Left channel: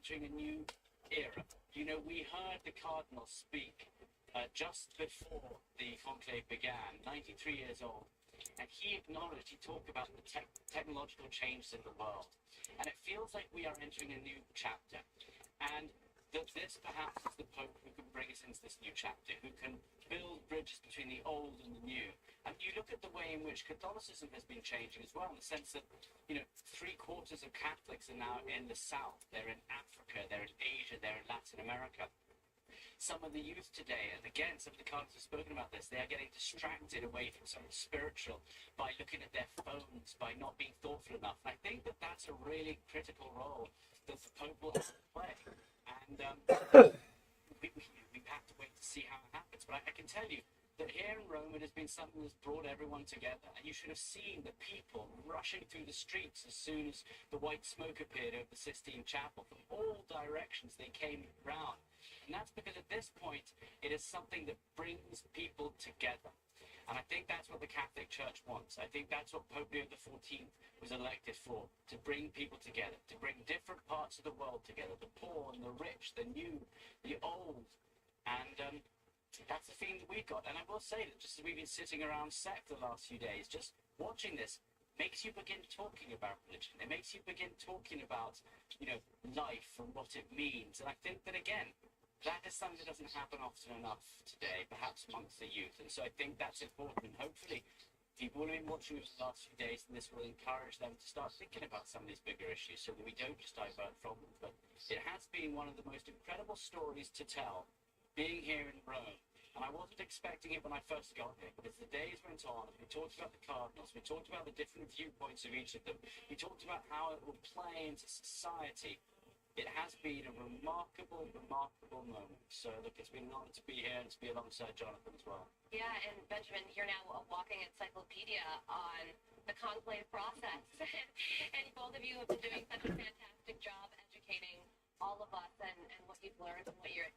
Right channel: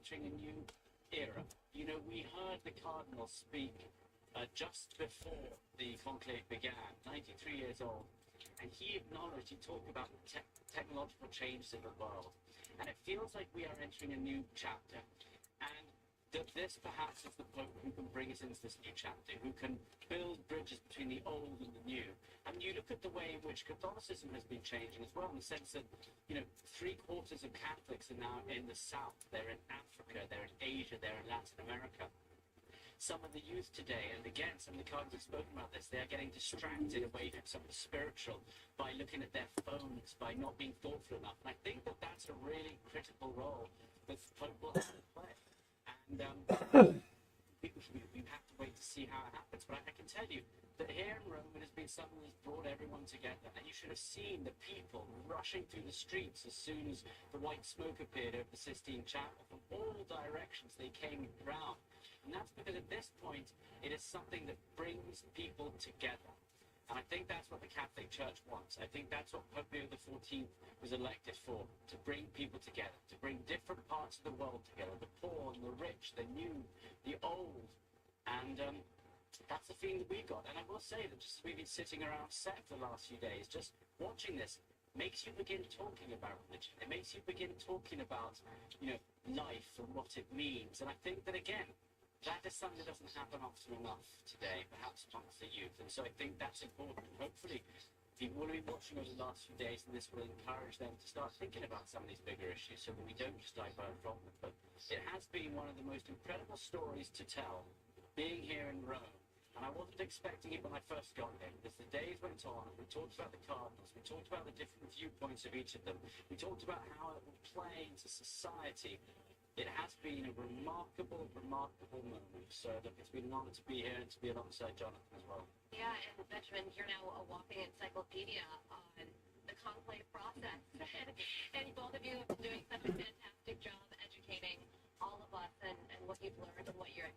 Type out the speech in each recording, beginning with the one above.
entering a new era. You know, we heard the Cardinal speak just before the conclave began, 93 years old, and he acknowledged, he talked about the technological changes in the world. And it feels like we are entering a new chapter. And that this perhaps is the Pope who can bring us into this new chapter, who can build bridges between the old and the new. And you look at the way in which Catholicism has been changing as well, in the sense that, you know, 3/4 of Catholics are now in the South, they're in Africa, they're in Asia, they're in Latin America. Some of the youth today, and again, some of the cardinals have spoken about this, they are getting distracted away from something spiritual by looking at their phones, by not being thoughtful enough. And I think that that's a really critical role that the Pope will have to play. And we have to wait to see how it happens. But I can tell you that here in Rome, it has been something that's brought everyone together. And you should have seen the people rushing through the streets as soon as the white smoke appeared over the Sistine Chapel. From all directions, they came round. And that's because at this point, it is something that brings people together. And I think that's what the Catholic Church wants. I think that's what Pope Leo XIV was elected for, to bring people together, to bring different parts of the world together, the poor and the rich, the new, the old. And that's the feeling that we got. And I will say that just as we've been sitting around set for the last few days, just watching this makes you begin talking about religion. It makes you begin talking about, you know, life and what it means. And I think that, again, that is something that doesn't happen often enough today, perhaps amongst the youth. And so I think that's important. And hopefully, people will be watching over the last few days, and this will encourage them to start thinking about some of these bigger issues so that we don't just divert from them. But it has been one of the most incredible stories to tell, being here in Rome. And I wasn't expecting it when I first got here, but as the days went on, we talked about the cardinals, we talked about the different viewpoints of each of them, we talked about how it will play into society. It has been a remarkable, remarkable moment. So, look, it's been an honor to be here and to be alongside Jonathan as well. Yeah, and Benjamin, you're now a walking encyclopedia on the conclave process. And both of you have been doing such a fantastic job educating all of us and what you've learned and what you're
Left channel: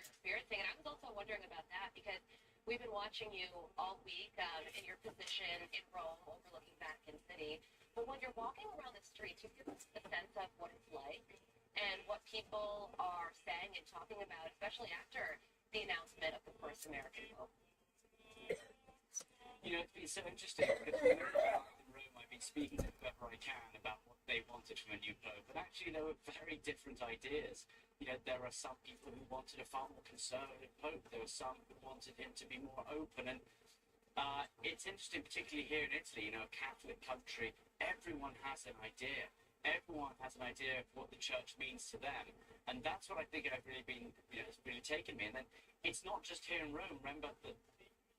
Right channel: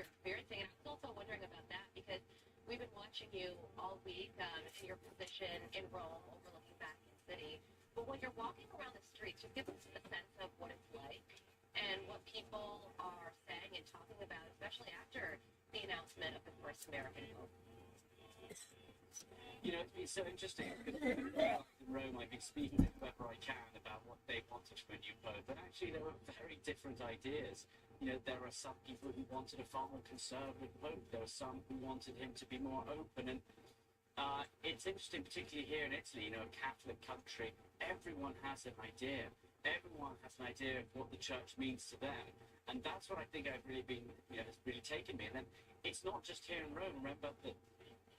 experiencing. And I was also wondering about that because we've been watching you all week in your position in Rome overlooking Vatican City. But when you're walking around the streets, you give us a sense of what it's like and what people are saying and talking about, especially after the announcement of the first American Pope. You know, it's been so interesting because when I was in Rome, I've been speaking to whoever I can about what they wanted from a new Pope, but actually there were very different ideas. You know, there are some people who wanted a far more conservative Pope, there were some who wanted him to be more open, and it's interesting, particularly here in Italy, you know, a Catholic country, everyone has an idea. Everyone has an idea of what the church means to them. And that's what I think I've really been, you know, has really taken me. And then it's not just here in Rome. Remember that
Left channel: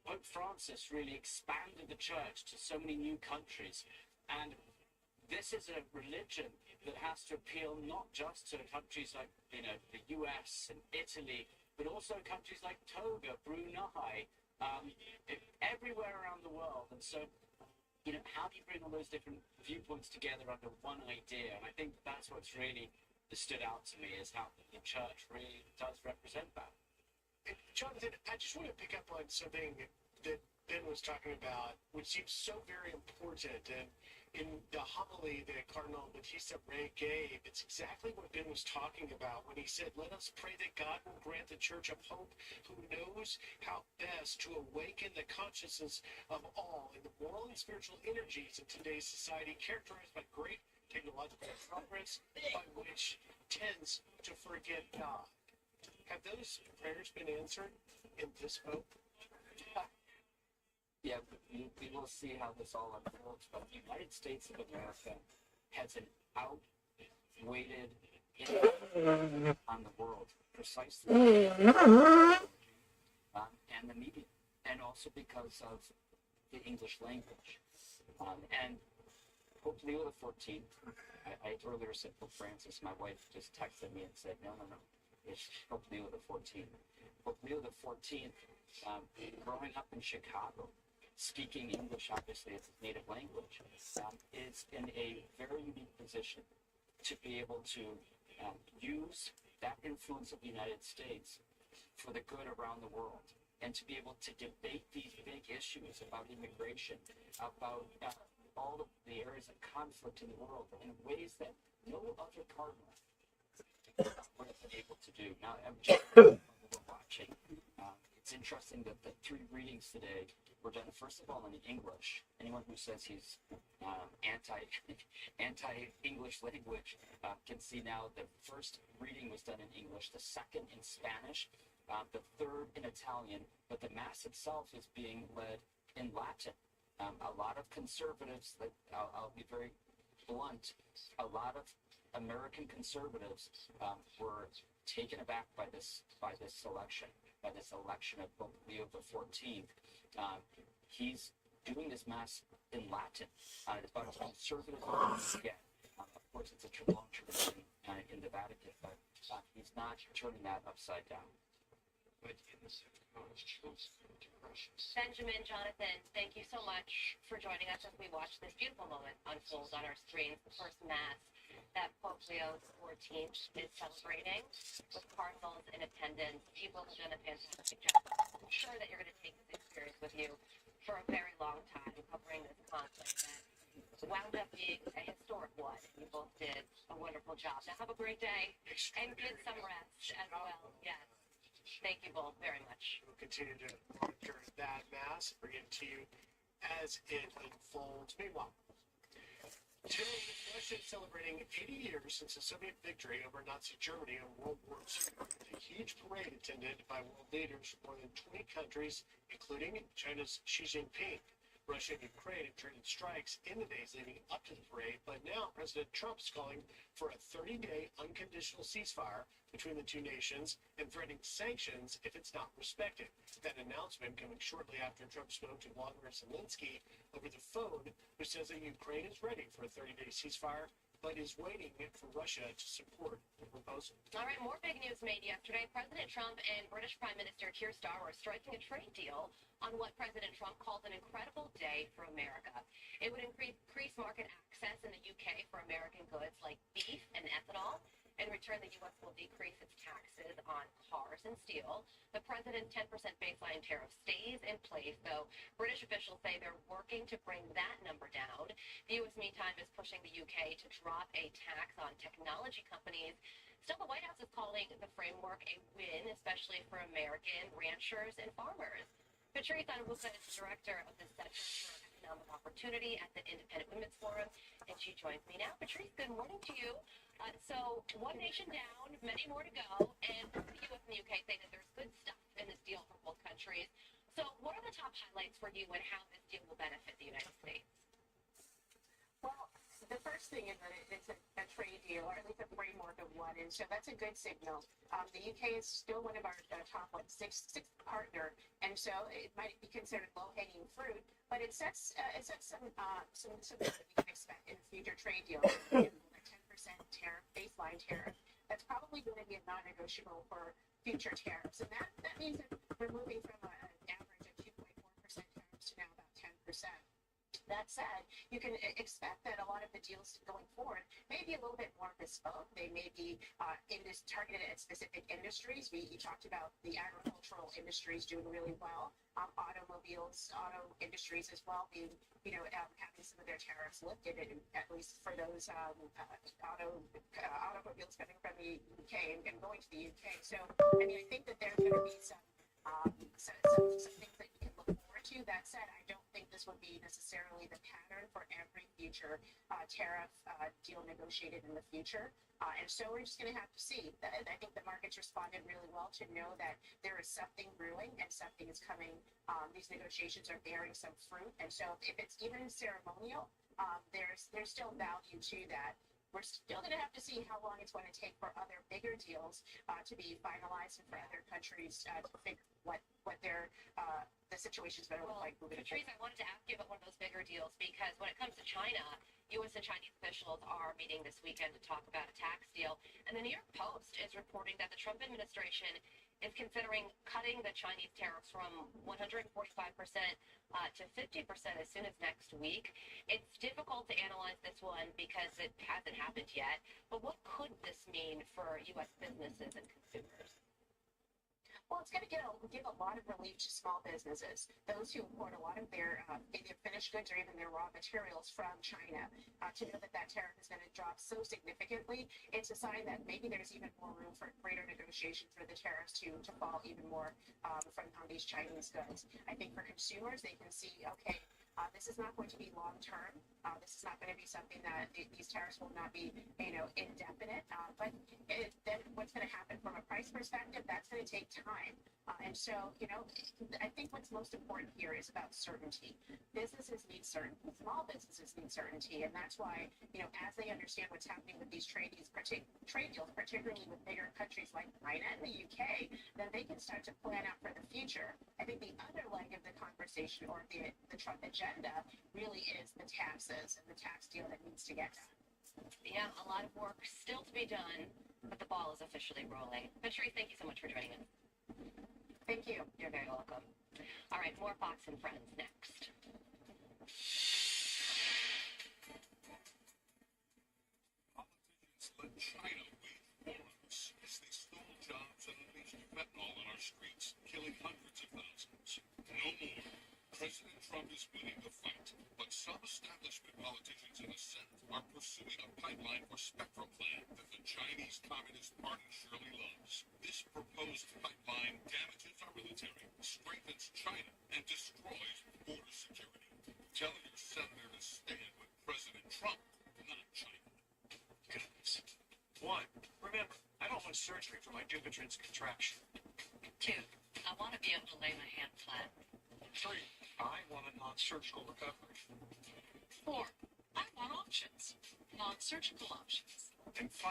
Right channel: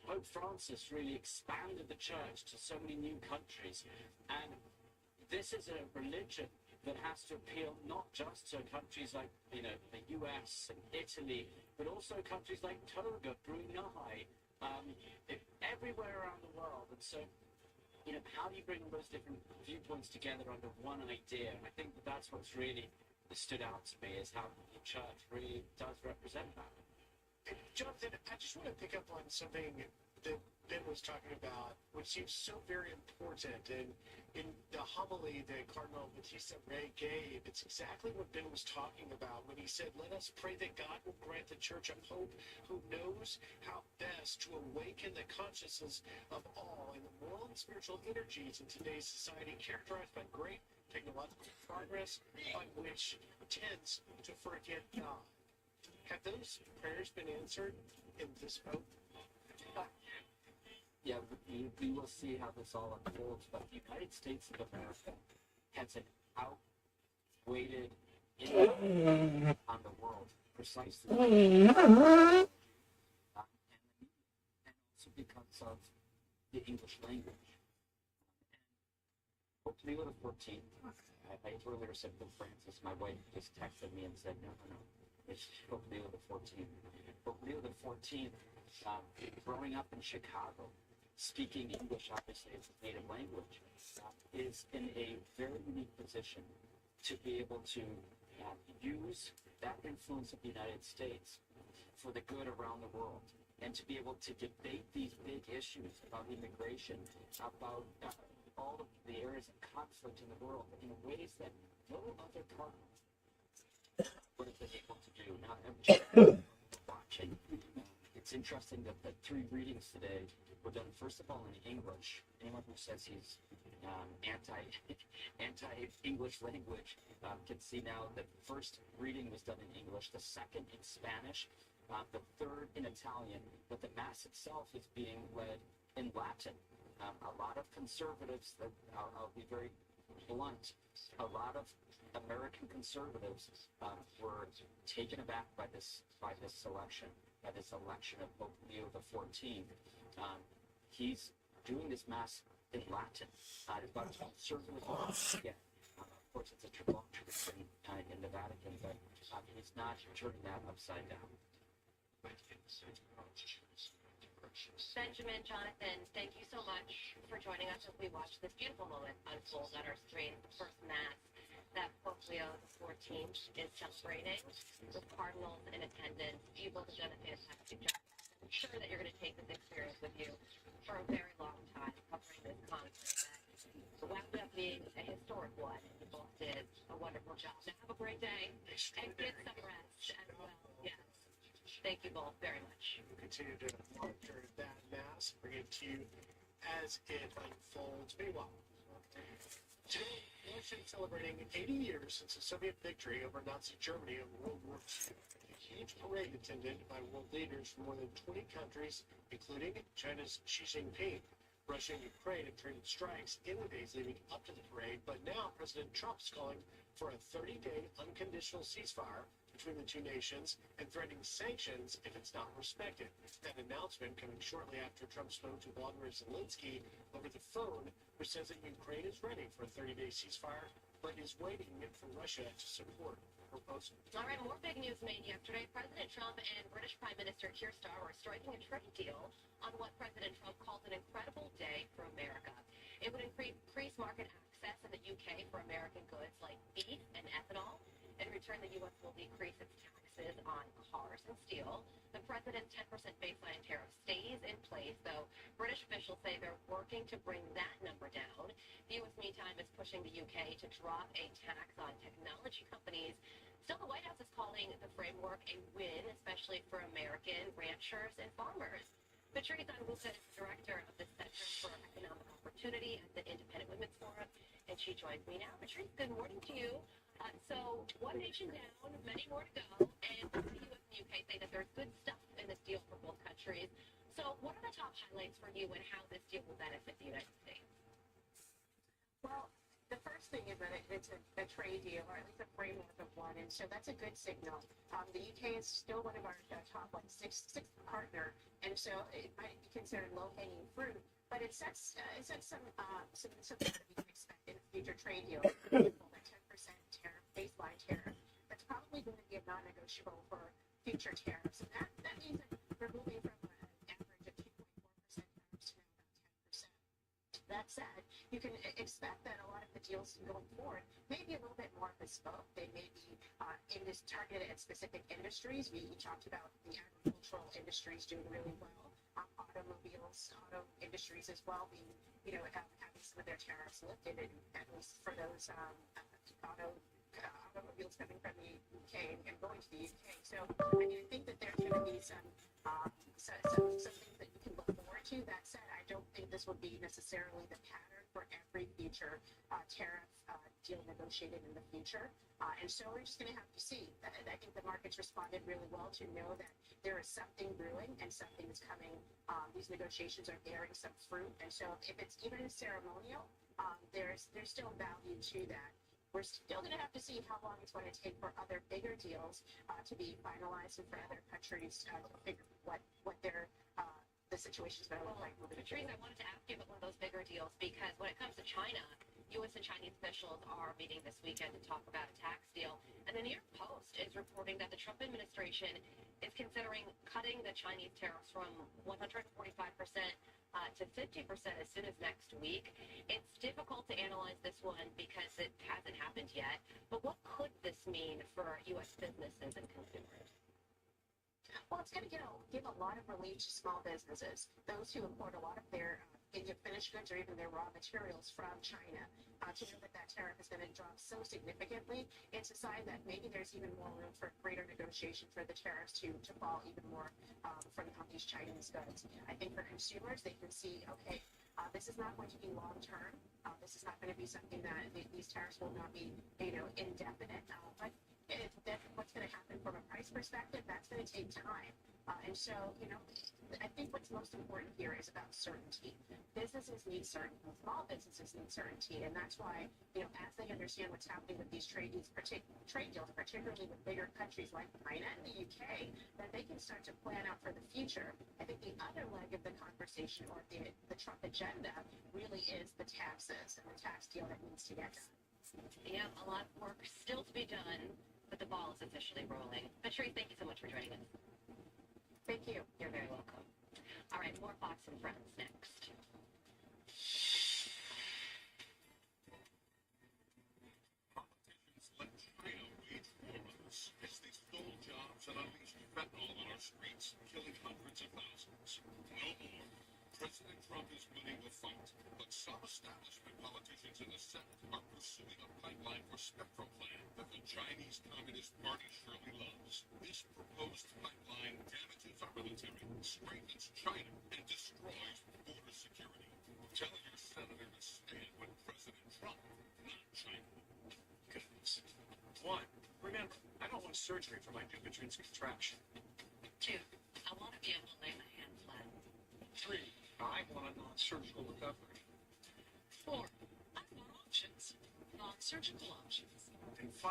Pope Francis really expanded the church to so many new countries. And this is a religion that has to appeal not just to countries like, you know, the US and Italy, but also countries like Togo, Brunei, everywhere around the world. And so, you know, how do you bring all those different viewpoints together under one idea? And I think that that's what's really stood out to me, is how the church really does represent that. And Jonathan, I just want to pick up on something that Ben was talking about, which seems so very important. And in the homily that Cardinal Battista Re gave, it's exactly what Ben was talking about when he said, let us pray that God will grant the church a pope who knows how best to awaken the consciousness of all in the moral and spiritual energies in today's society, characterized by great technological progress, but which tends to forget God. Have those prayers been answered in this pope? Yeah, we will see how this all unfolds, but the United States of America has an outweighted impact on the world, precisely. And the media, and also because of the English language. And Pope Leo XIV, I earlier said Pope Francis, my wife just texted me and said, no, it's Pope Leo XIV. Pope Leo XIV, growing up in Chicago, speaking English, obviously, as his native language, is in a very unique position to be able to use that influence of the United States for the good around the world, and to be able to debate these big issues about immigration, about all of the areas of conflict in the world in ways that no other cardinal we're watching. It's interesting that the 3 readings today were done first of all in English. Anyone who says he's anti-English language can see now that the first reading was done in English, the second in Spanish, the third in Italian, but the Mass itself is being led in Latin. A lot of conservatives, that I'll be very blunt, a lot of American conservatives were taken aback by this selection, by this election of Pope Leo XIV. He's doing this Mass in Latin. It's about as conservative as you get. Of course, it's a long tradition in the Vatican, but he's not turning that upside down. Benjamin, Jonathan, thank you so much for joining us as we watch this beautiful moment unfold on our screens. The first Mass that Pope Leo XIV is celebrating with cardinals in attendance. You both have done a fantastic job. I'm sure that you're going to take this experience with you for a very long time, covering this conflict that wound up being a historic one. And you both did a wonderful job. Now have a great day and get some rest as well. Yes. Thank you both very much. We'll continue to monitor that Mass, bring it to you as it unfolds. Meanwhile, today, Russia is celebrating 80 years since the Soviet victory over Nazi Germany in World War II. A huge parade attended by world leaders from more than 20 countries, including China's Xi Jinping. Russia and Ukraine have traded strikes in the days leading up to the parade, but now President Trump is calling for a 30-day unconditional ceasefire between the two nations and threatening sanctions if it's not respected. That announcement coming shortly after Trump spoke to Vladimir Zelensky over the phone, which says that Ukraine is ready for a 30-day ceasefire, but is waiting for Russia to support the proposal. All right, more big news made yesterday. President Trump and British Prime Minister Keir Starmer are striking a trade deal on what President Trump calls an incredible day for America. It would increase market access in the UK for American goods like beef and ethanol. In return, the U.S. will decrease its taxes on cars and steel. The president's 10% baseline tariff stays in place, though British officials say they're working to bring that number down. The U.S., meantime, is pushing the U.K. to drop a tax on technology companies. Still, the White House is calling the framework a win, especially for American ranchers and farmers. Patrice Anwuka is director of the Center for Economic Opportunity at the Independent Women's Forum, and she joins me now. Patrice, good morning to you. So, one nation down, many more to go, and both the U.S. and the U.K. say that there's good stuff in this deal for both countries. So, what are the top highlights for you and how this deal will benefit the United States? Well, the first thing is that it's a trade deal, or at least a framework of one, and so that's a good signal. The UK is still one of our top sixth partner, and so it might be considered low-hanging fruit, but it sets some things that we can expect in a future trade deal. For example, the 10% tariff, baseline tariff, that's probably going to be a non-negotiable for future tariffs, and that means that we're moving from an average of 2.4% tariffs to now about 10%. That said, you can expect that a lot of the deals going forward may be a little bit more bespoke. They may be targeted at specific industries. We talked about the agricultural industries doing really well. Auto industries as well being, having some of their tariffs lifted, at least for those automobiles coming from the UK and going to the UK. So, I think that there's going to be some things that you can look forward to. That said, I don't think this would be necessarily the pattern for every future tariff deal negotiated in the future. And so we're just going to have to see. I think the markets responded really well to know that there is something brewing and something is coming. These negotiations are bearing some fruit. And so if it's even ceremonial, there's still value to that. We're still going to have to see how long it's going to take for other bigger deals to be finalized and for other countries to figure what the situation is going to look like moving forward. Patrice, I wanted to ask you about one of those bigger deals because when it comes to China, U.S. and Chinese officials are meeting this weekend to talk about a tax deal. And the New York Post is reporting that the Trump administration is considering cutting the Chinese tariffs from 145% to 50% as soon as next week. It's difficult to analyze this one because it hasn't happened yet. But what could this mean for U.S. businesses and consumers? Well, it's going to give a lot of relief to small businesses, those who import a lot of their either finished goods or even their raw materials from China. To know that that tariff is going to drop so significantly, it's a sign that maybe there's even more room for greater negotiation for the tariffs to fall even more on these Chinese goods. I think for consumers, they can see, okay, this is not going to be long term. This is not going to be something that these tariffs will not be, indefinite. But then what's going to happen from a price perspective, that's going to take time. And so, I think what's most important here is about certainty. Businesses need certainty. Small businesses need certainty. And that's why, as they understand what's happening with these trade deals, particularly with bigger countries like China and the UK, then they can start to plan out for the future. I think the other leg of the conversation or the Trump agenda really is the taxes and the tax deal that needs to get done. Yeah, a lot of work still to be done, but the ball is officially rolling. Patrice, thank you so much for joining us. Thank you. You're very welcome. All right, more Fox and Friends next. Politicians let China wage war on us as they stole jobs and unleashed fentanyl on our streets, killing hundreds of thousands. No more. President Trump is winning the fight, but some establishment politicians in the Senate are pursuing a pipeline for spectrum plan that the Chinese Communist Party surely loves. This proposed pipeline damages our military, strengthens China, and destroys border security. Tell your senator to stand with President Trump, not China. Goodness. 1. Remember, I don't want surgery for my Dupuytren's contraction. 2, I want to be able to lay my hand flat. 3. I want a non-surgical recovery. 4, I want options, non-surgical options. And 5.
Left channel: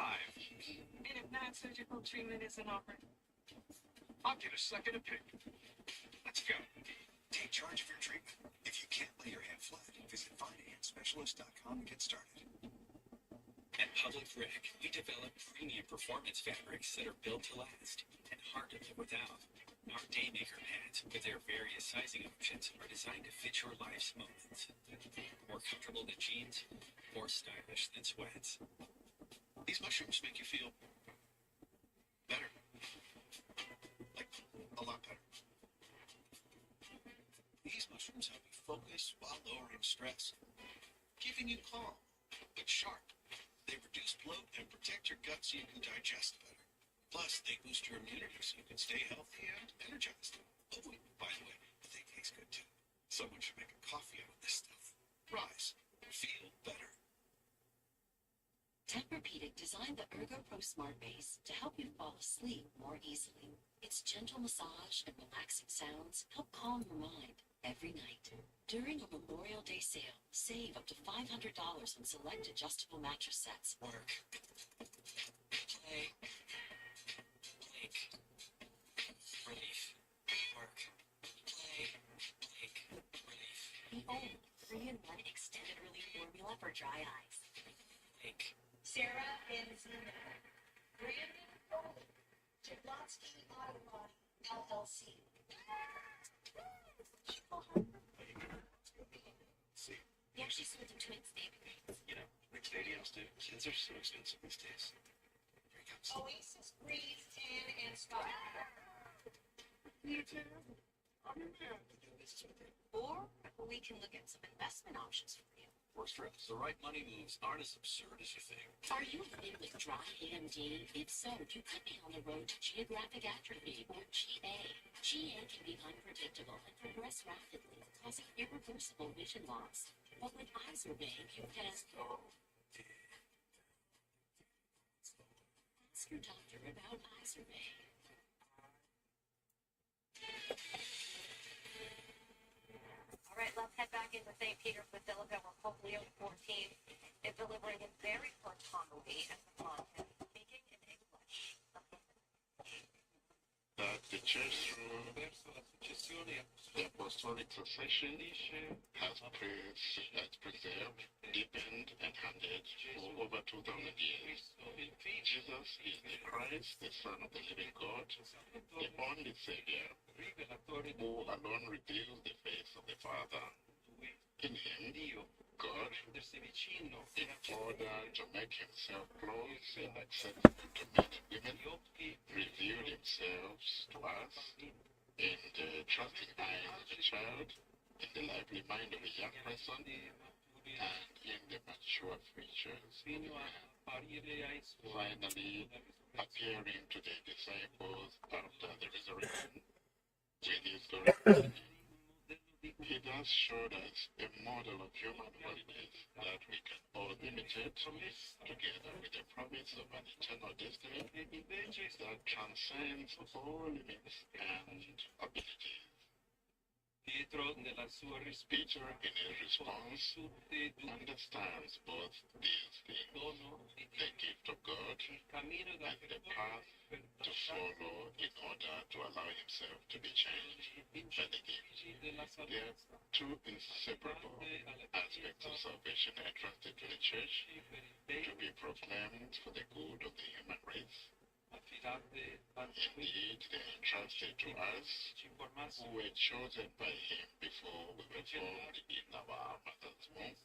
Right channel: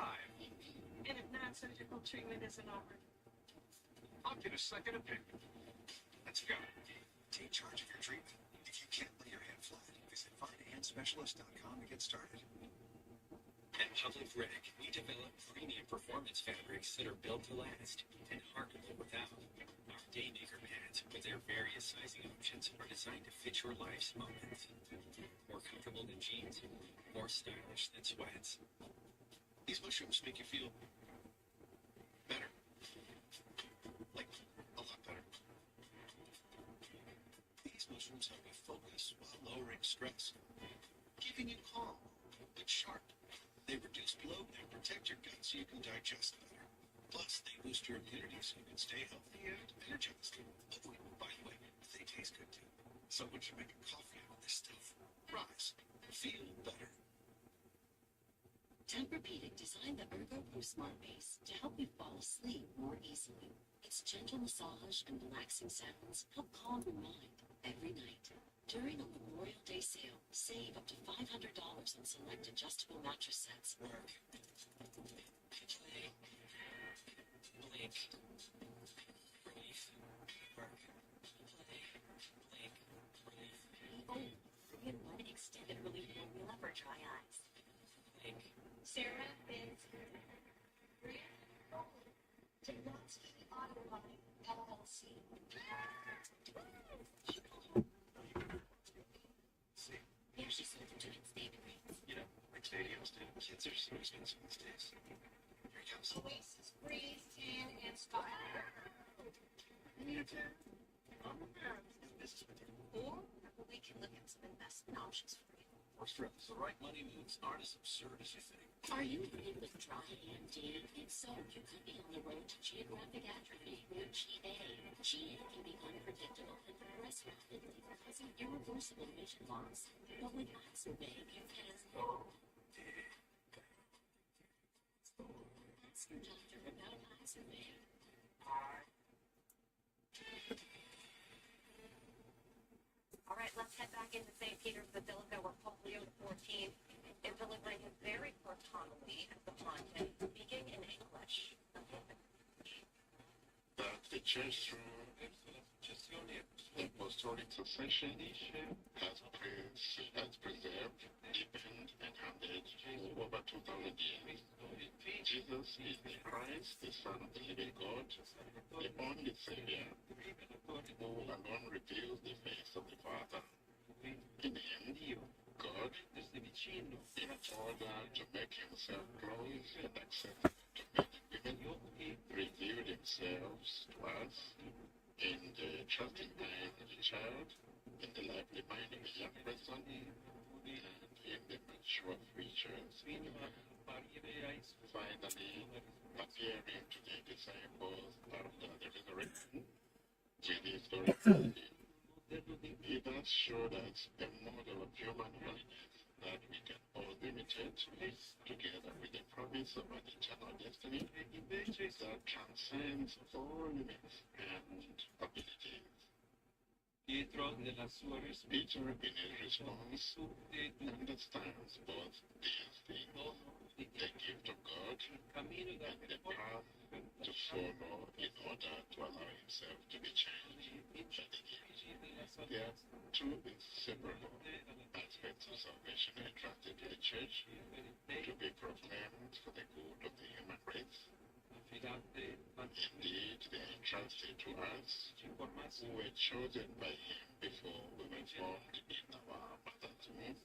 And if non-surgical treatment isn't offered, I'll get a second opinion. Let's go. Take charge of your treatment. If you can't lay your hand flat, visit findhandspecialist.com to get started. At Public Rec, we develop premium performance fabrics that are built to last and hard to live without. Our Daymaker pads, with their various sizing options, are designed to fit your life's moments. More comfortable than jeans, more stylish than sweats. These mushrooms make you feel better. Like, a lot better. These mushrooms help you focus while lowering stress, giving you calm, but sharp. They reduce bloat and protect your gut so you can digest better. Plus, they boost your immunity so you can stay healthy and energized. Oh, wait, by the way, they taste good too. Someone should make a coffee out of this stuff. Rise. Feel better. Tempur-Pedic designed the Ergo Pro Smart Base to help you fall asleep more easily. Its gentle massage and relaxing sounds help calm your mind every night. During a Memorial Day sale, save up to $500 on select adjustable mattress sets. Work. Play. Blink. Relief. Work. Play. Blink. Relief. The old 3-in-1 extended relief formula for dry eyes. Blink. Sarah and Brandon Foley, Jablonski Auto Body, LLC. See, They actually sold them to stadium. like stadiums do. Kids are so expensive these days. Here he comes. Oasis Breeze Tin and Spa. You too? I'm your man. Do business with you. Or we can look at some investment options for you. Works for us. The right money moves aren't as absurd as you think. Are you living with dry AMD? If so, you could be on the road to geographic atrophy or GA. GA can be unpredictable and progress rapidly, causing irreversible vision loss. But with Izervay, you can ask your doctor about Izervay. All right, let's head back into St. Peter's Basilica, where Pope Leo XIV is delivering his very first homily as the pontiff, speaking in English. That the church through the apostolic succession has preserved, deepened, and handed for over 2,000 years. Jesus is the Christ, the Son of the living God, the only Savior, who alone reveals the face of the Father. In him, God, in order to make himself close and accessible to men and women, revealed himself themselves to us in the trusting eyes of a child, in the lively mind of a young person, and in the mature features of a man. Finally, appearing to the disciples after the resurrection with his authority, he thus showed us a model of human holiness that we can all imitate, together with the promise of an eternal destiny that transcends all limits and abilities. Peter, in his response, understands both these things, the gift of God and the path to follow in order to allow himself to be changed by the gift. There are two inseparable aspects of salvation entrusted to the church to be proclaimed for the good of the human race. Indeed, they are entrusted to us who were chosen by him before we were formed in our mother's womb,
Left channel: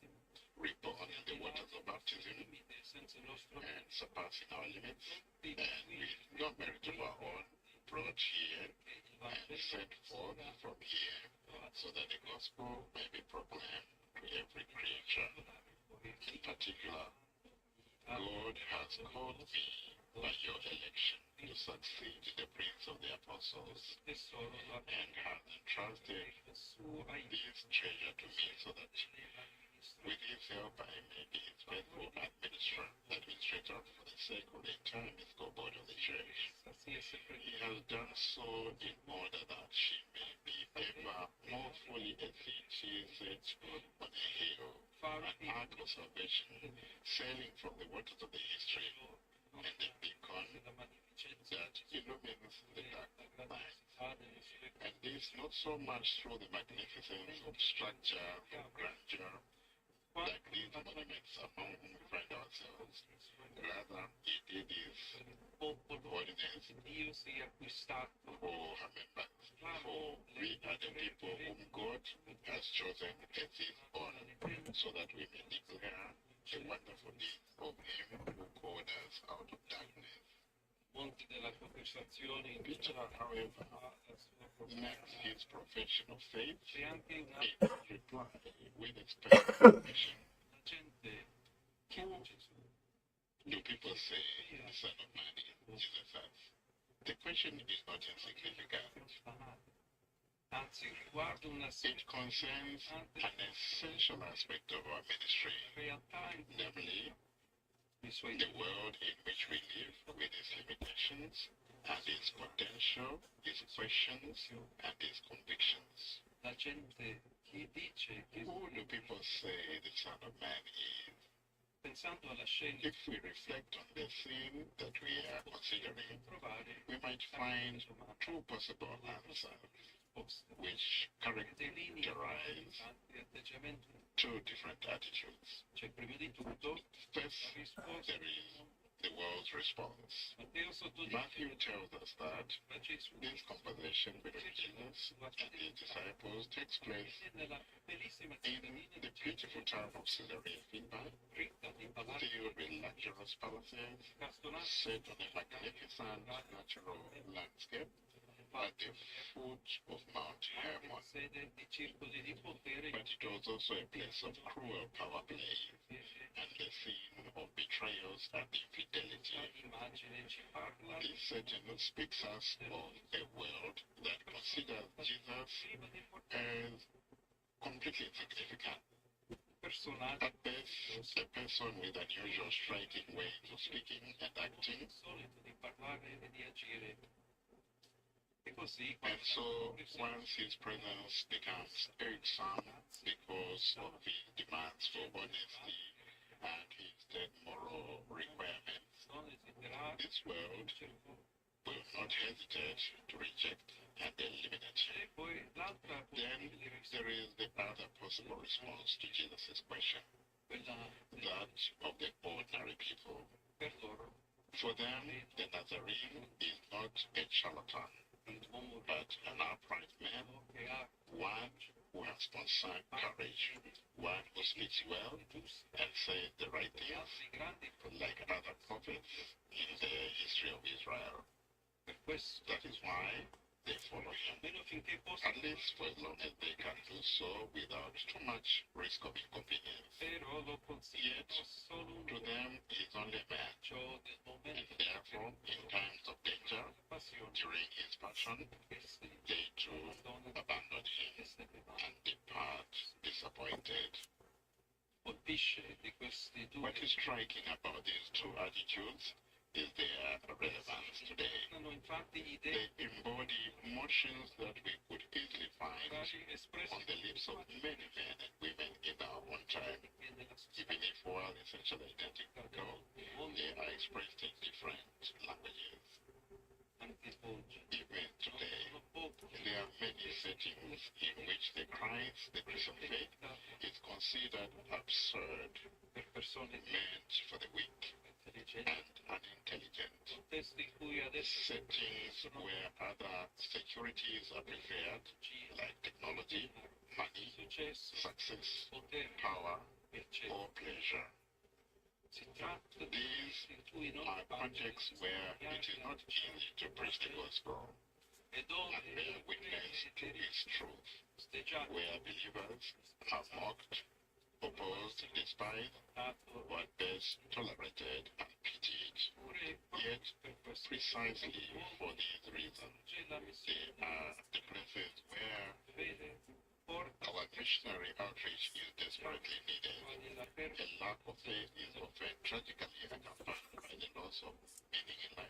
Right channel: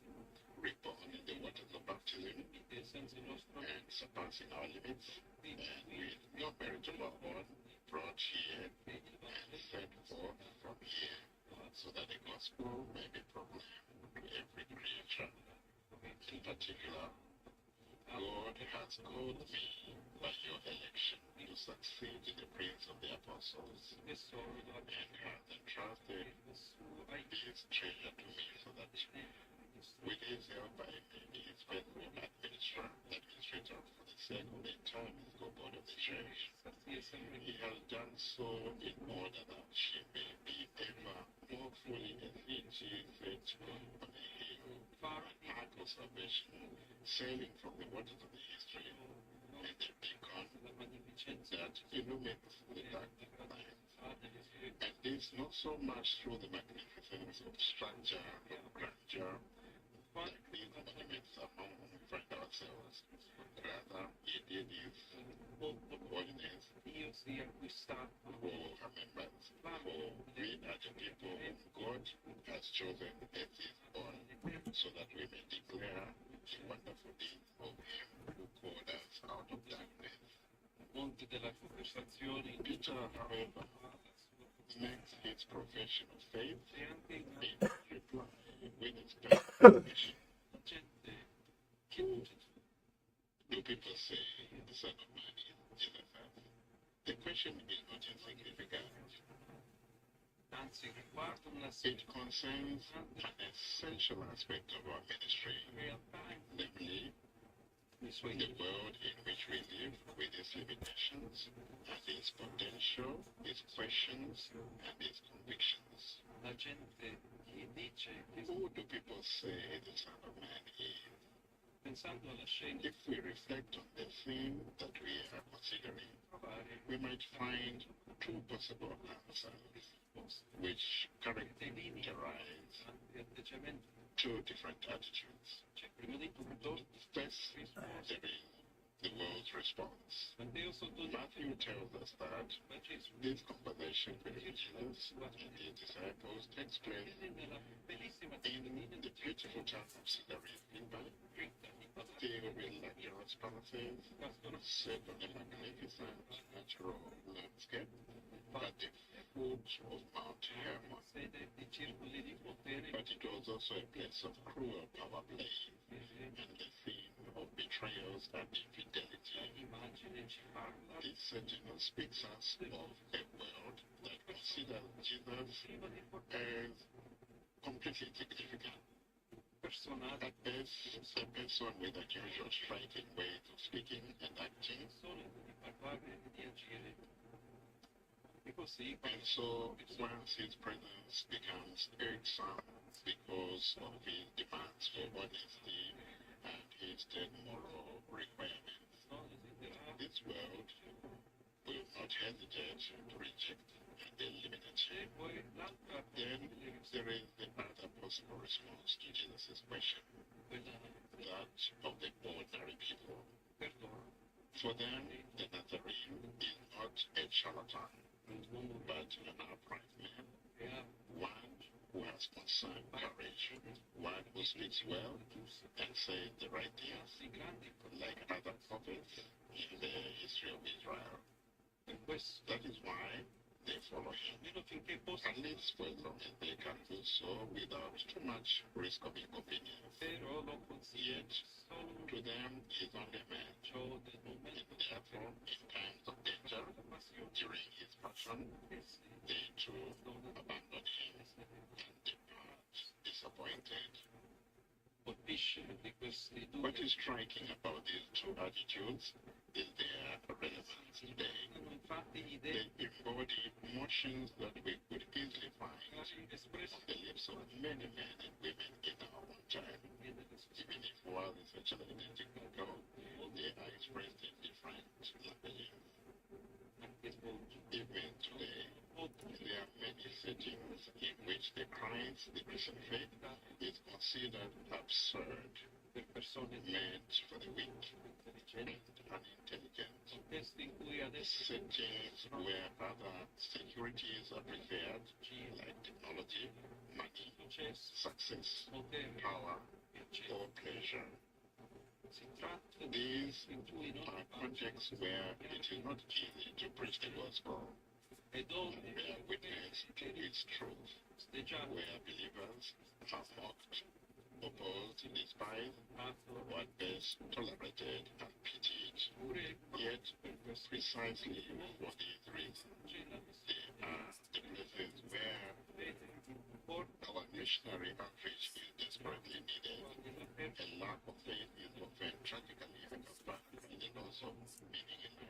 reborn in the waters of baptism, and surpassing our limits, and with no merit of our own, brought here and sent forth from here, so that the gospel may be proclaimed to every creature. In particular, God has called me by your election to succeed the Prince of the Apostles, and has entrusted this treasure to me so that with his help I may be his faithful administrator for the sake of the entire mystical body of the church. He has done so in order that she may be ever more fully efficient on a hill, an ark of salvation, sailing from the waters of the history, and the beacon that illumines the dark night. And this not so much through the magnificence of structure or grandeur, like these monuments among whom we find ourselves. Rather, he did his holiness for her members, for we are the people whom God has chosen as his own, so that we may declare the wonderful deeds of him who called us out of darkness. Peter, however, makes his profession of faith in reply with expectation. Do people say the Son of Man is Jesus? The question is not insignificant. It concerns an essential aspect of our ministry, namely the world in which we live, with its limitations and its potential, its questions and its convictions. Who do people say the Son of Man is? If we reflect on the theme that we are considering, we might find two possible answers, which characterize two different attitudes. First, there is the world's response. Matthew tells us that this conversation between Jesus and his disciples takes place in the beautiful town of Caesarea Philippi, filled with luxurious palaces, set on a magnificent natural landscape at the foot of Mount Hermon. But it was also a place of cruel power play and the scene of betrayals and infidelity. This setting speaks us of a world that considers Jesus as completely insignificant. At best, a person with unusual striking ways of speaking and acting. And so, once his presence becomes irksome because of his demands for honesty and his dead moral requirements, this world will not hesitate to reject and eliminate him. Then there is the other possible response to Jesus' question, that of the ordinary people. For them, the Nazarene is not a charlatan, but an upright man, one who has concerned courage, one who speaks well and says the right things, like other prophets in the history of Israel. That is why they follow him, at least for as long as they can do so without too much risk of inconvenience. Yet, to them, he is only a man, and therefore, in times of danger, during his passion, they too abandon him and depart disappointed. What is striking about these two attitudes is their relevance today. They embody emotions that we could easily find on the lips of many men and women in our own time. Even if while essentially identical, they are expressed in different languages. Even today, there are many settings in which the Christ, the Christian faith, is considered absurd, meant for the weak and unintelligent. Settings where other securities are preferred, like technology, money, success, power, or pleasure. These are contexts where it is not easy to preach the gospel and bear witness to its truth, where believers are mocked, opposed, despised, or at best tolerated and pitied. Yet, precisely for these reasons, they are the places where our missionary outreach is desperately needed. A lack of faith is often tragically accompanied by the loss of meaning in life.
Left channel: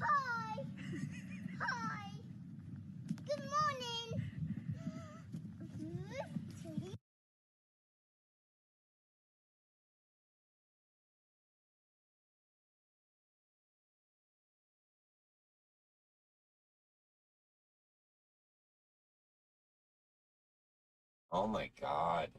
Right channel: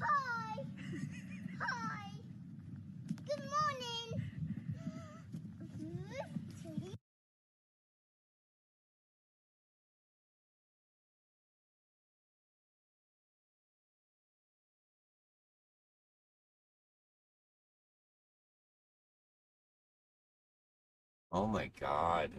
Hi! Hi! Good morning! Oh my God.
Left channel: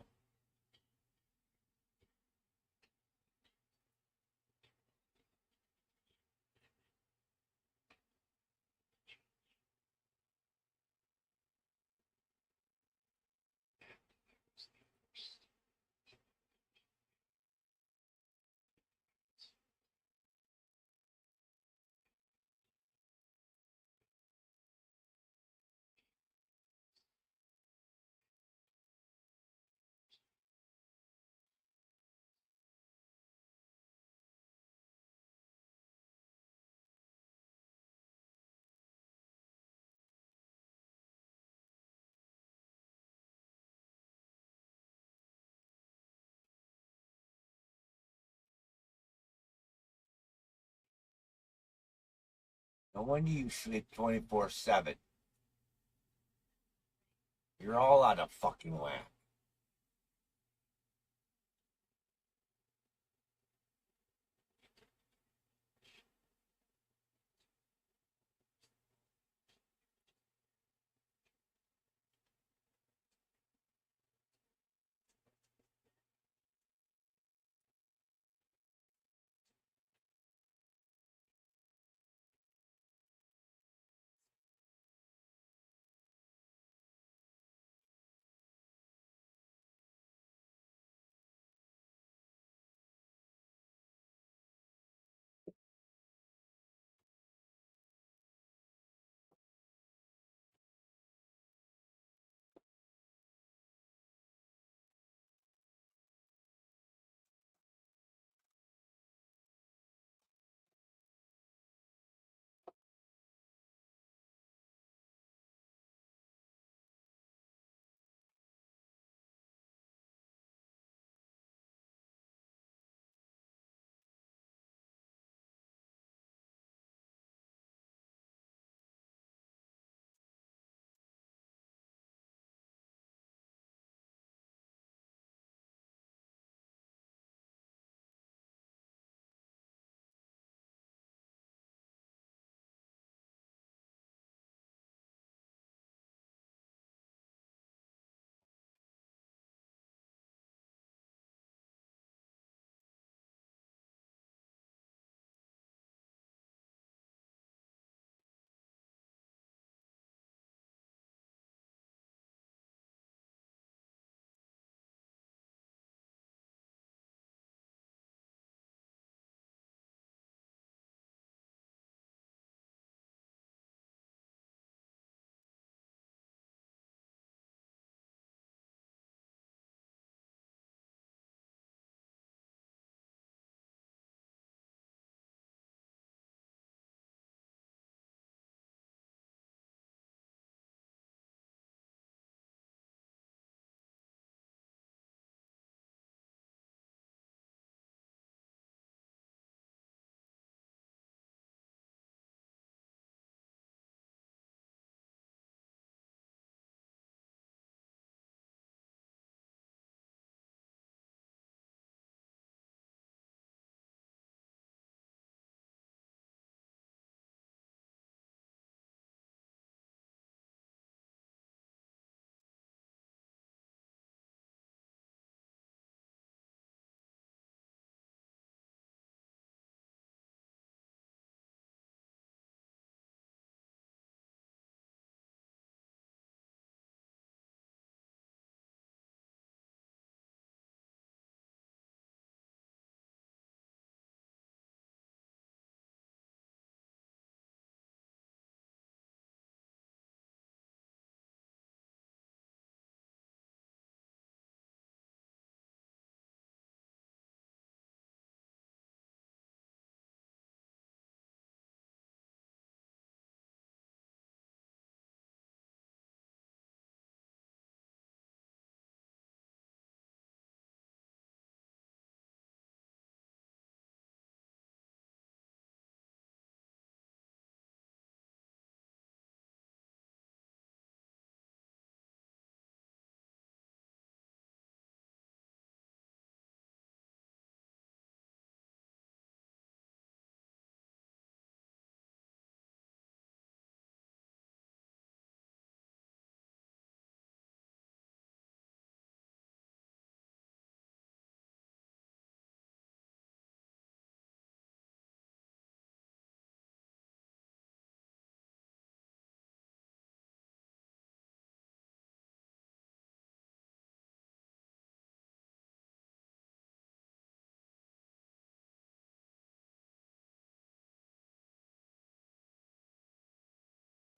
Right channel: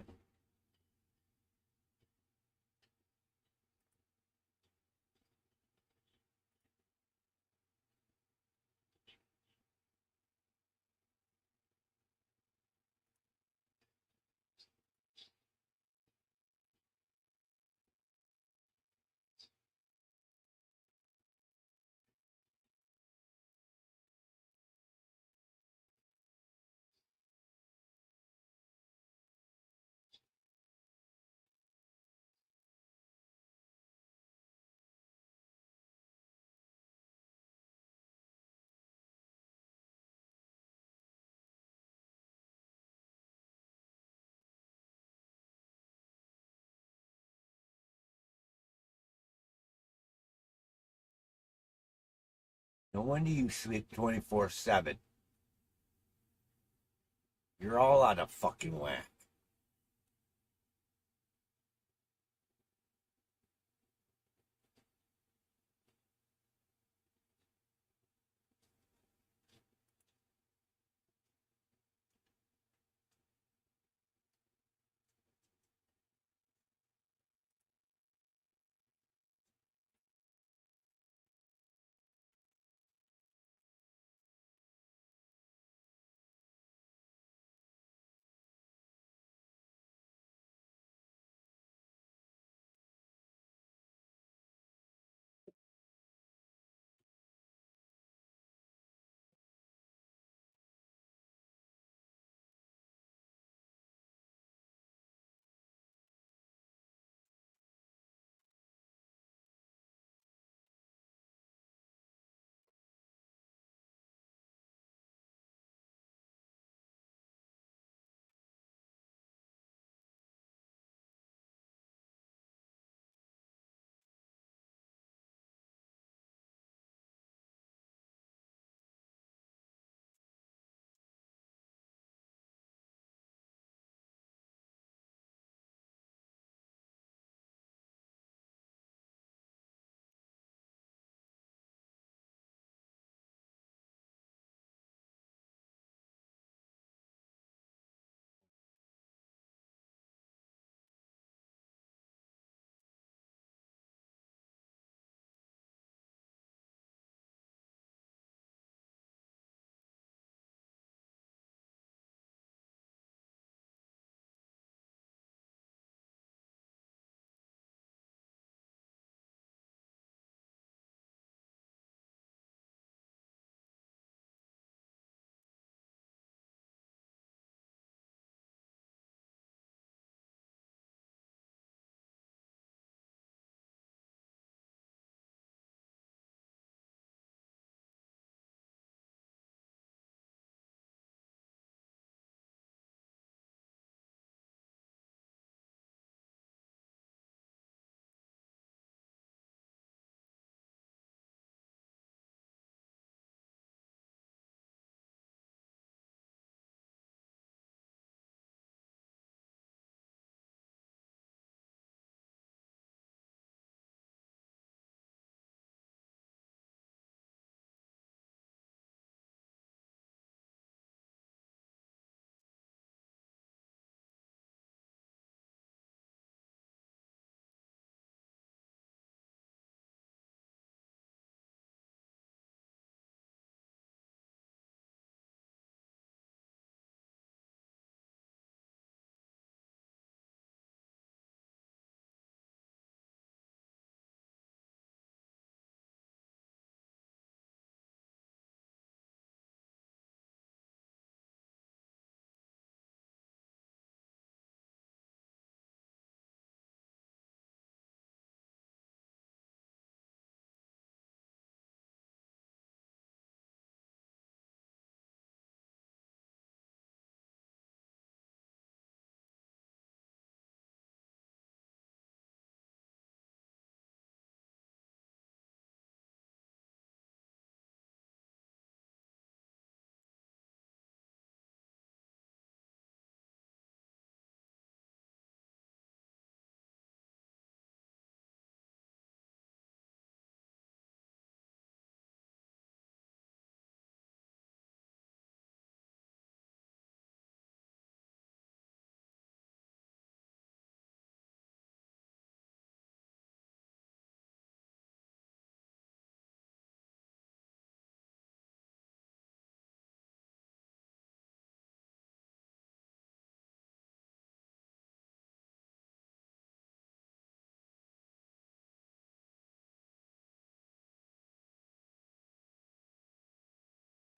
No wonder you sleep 24/7. You're all out of fucking whack.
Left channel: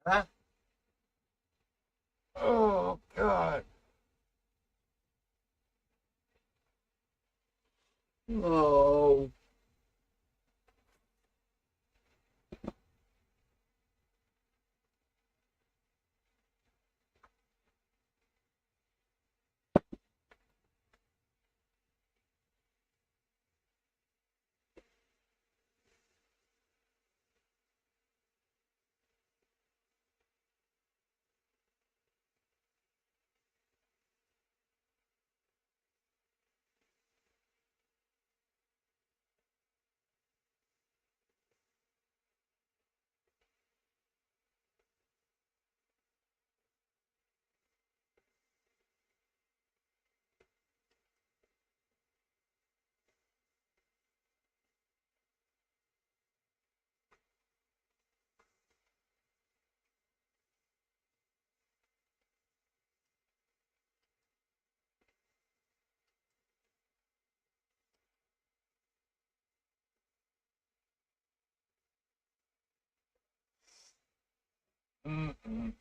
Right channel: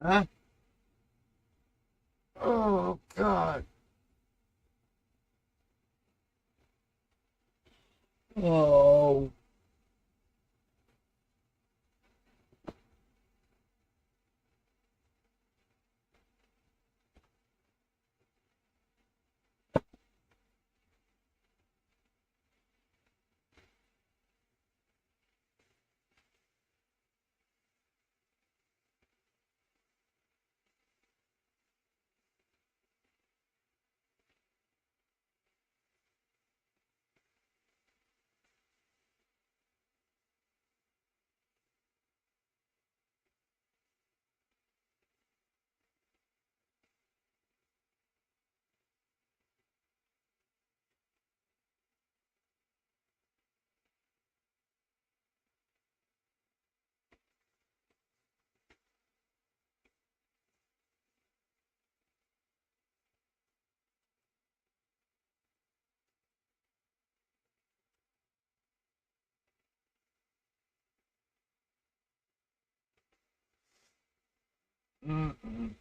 Huh? Oh, God. Oh. Mm-mm.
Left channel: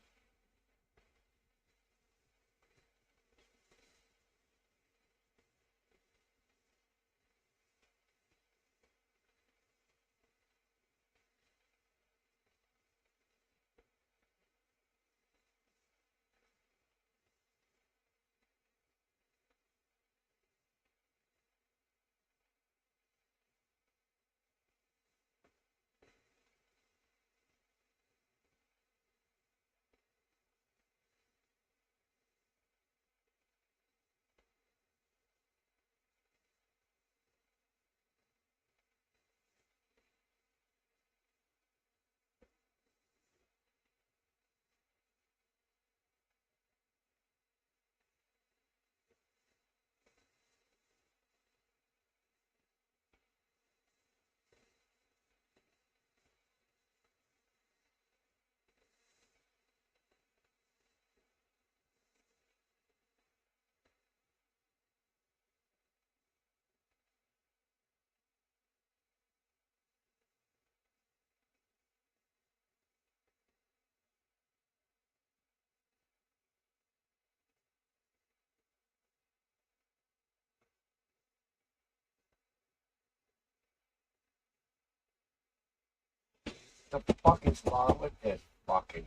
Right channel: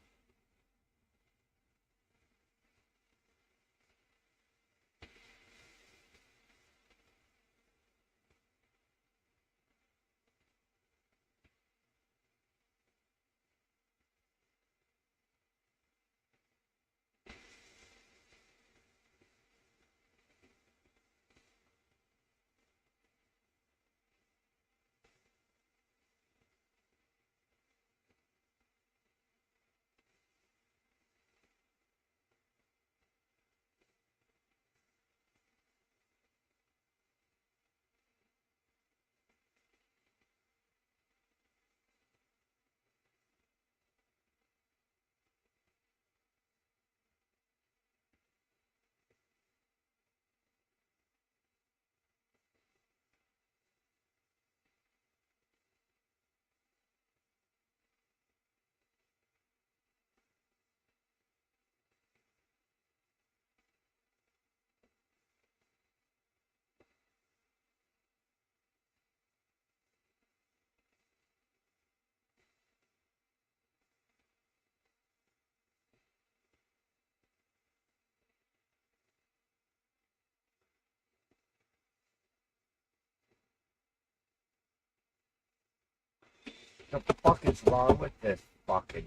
The fuck is wrong with this fucking...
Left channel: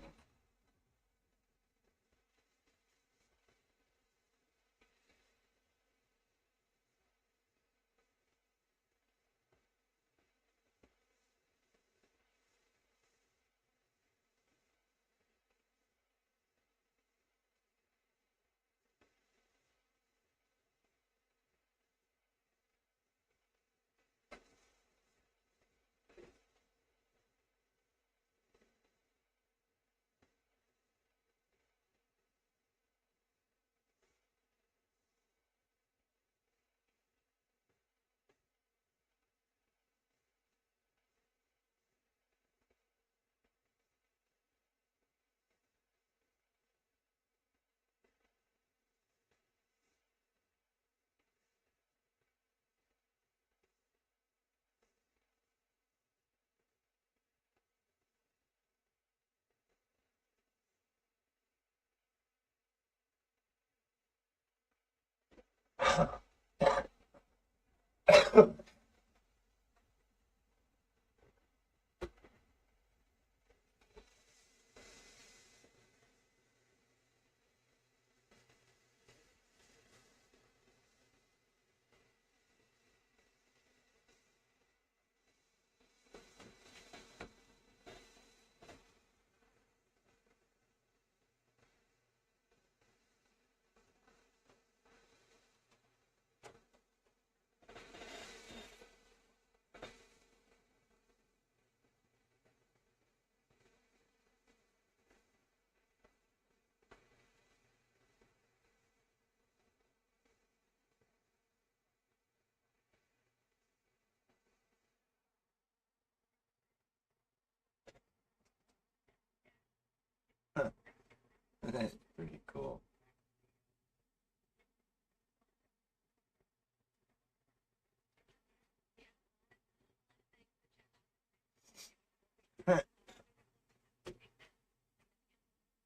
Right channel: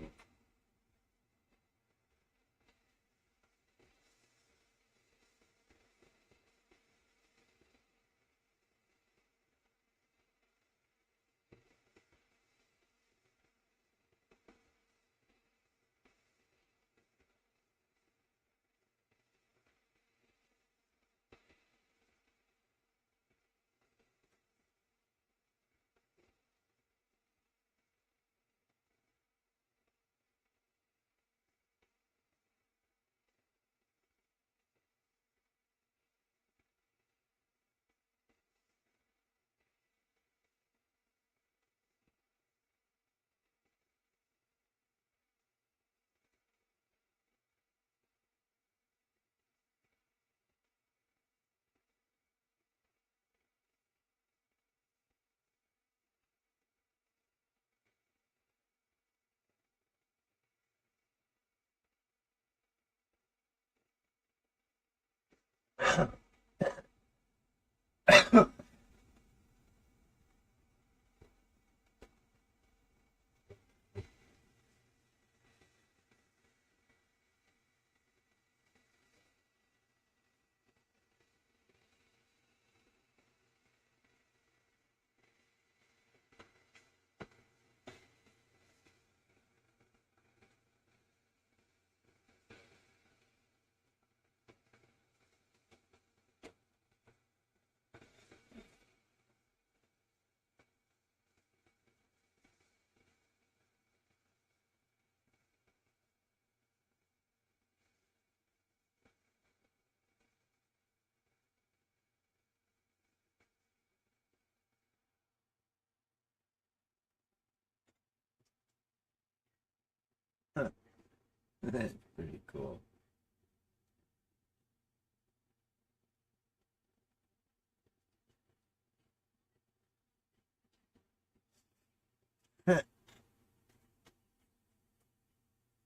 That's pretty cool.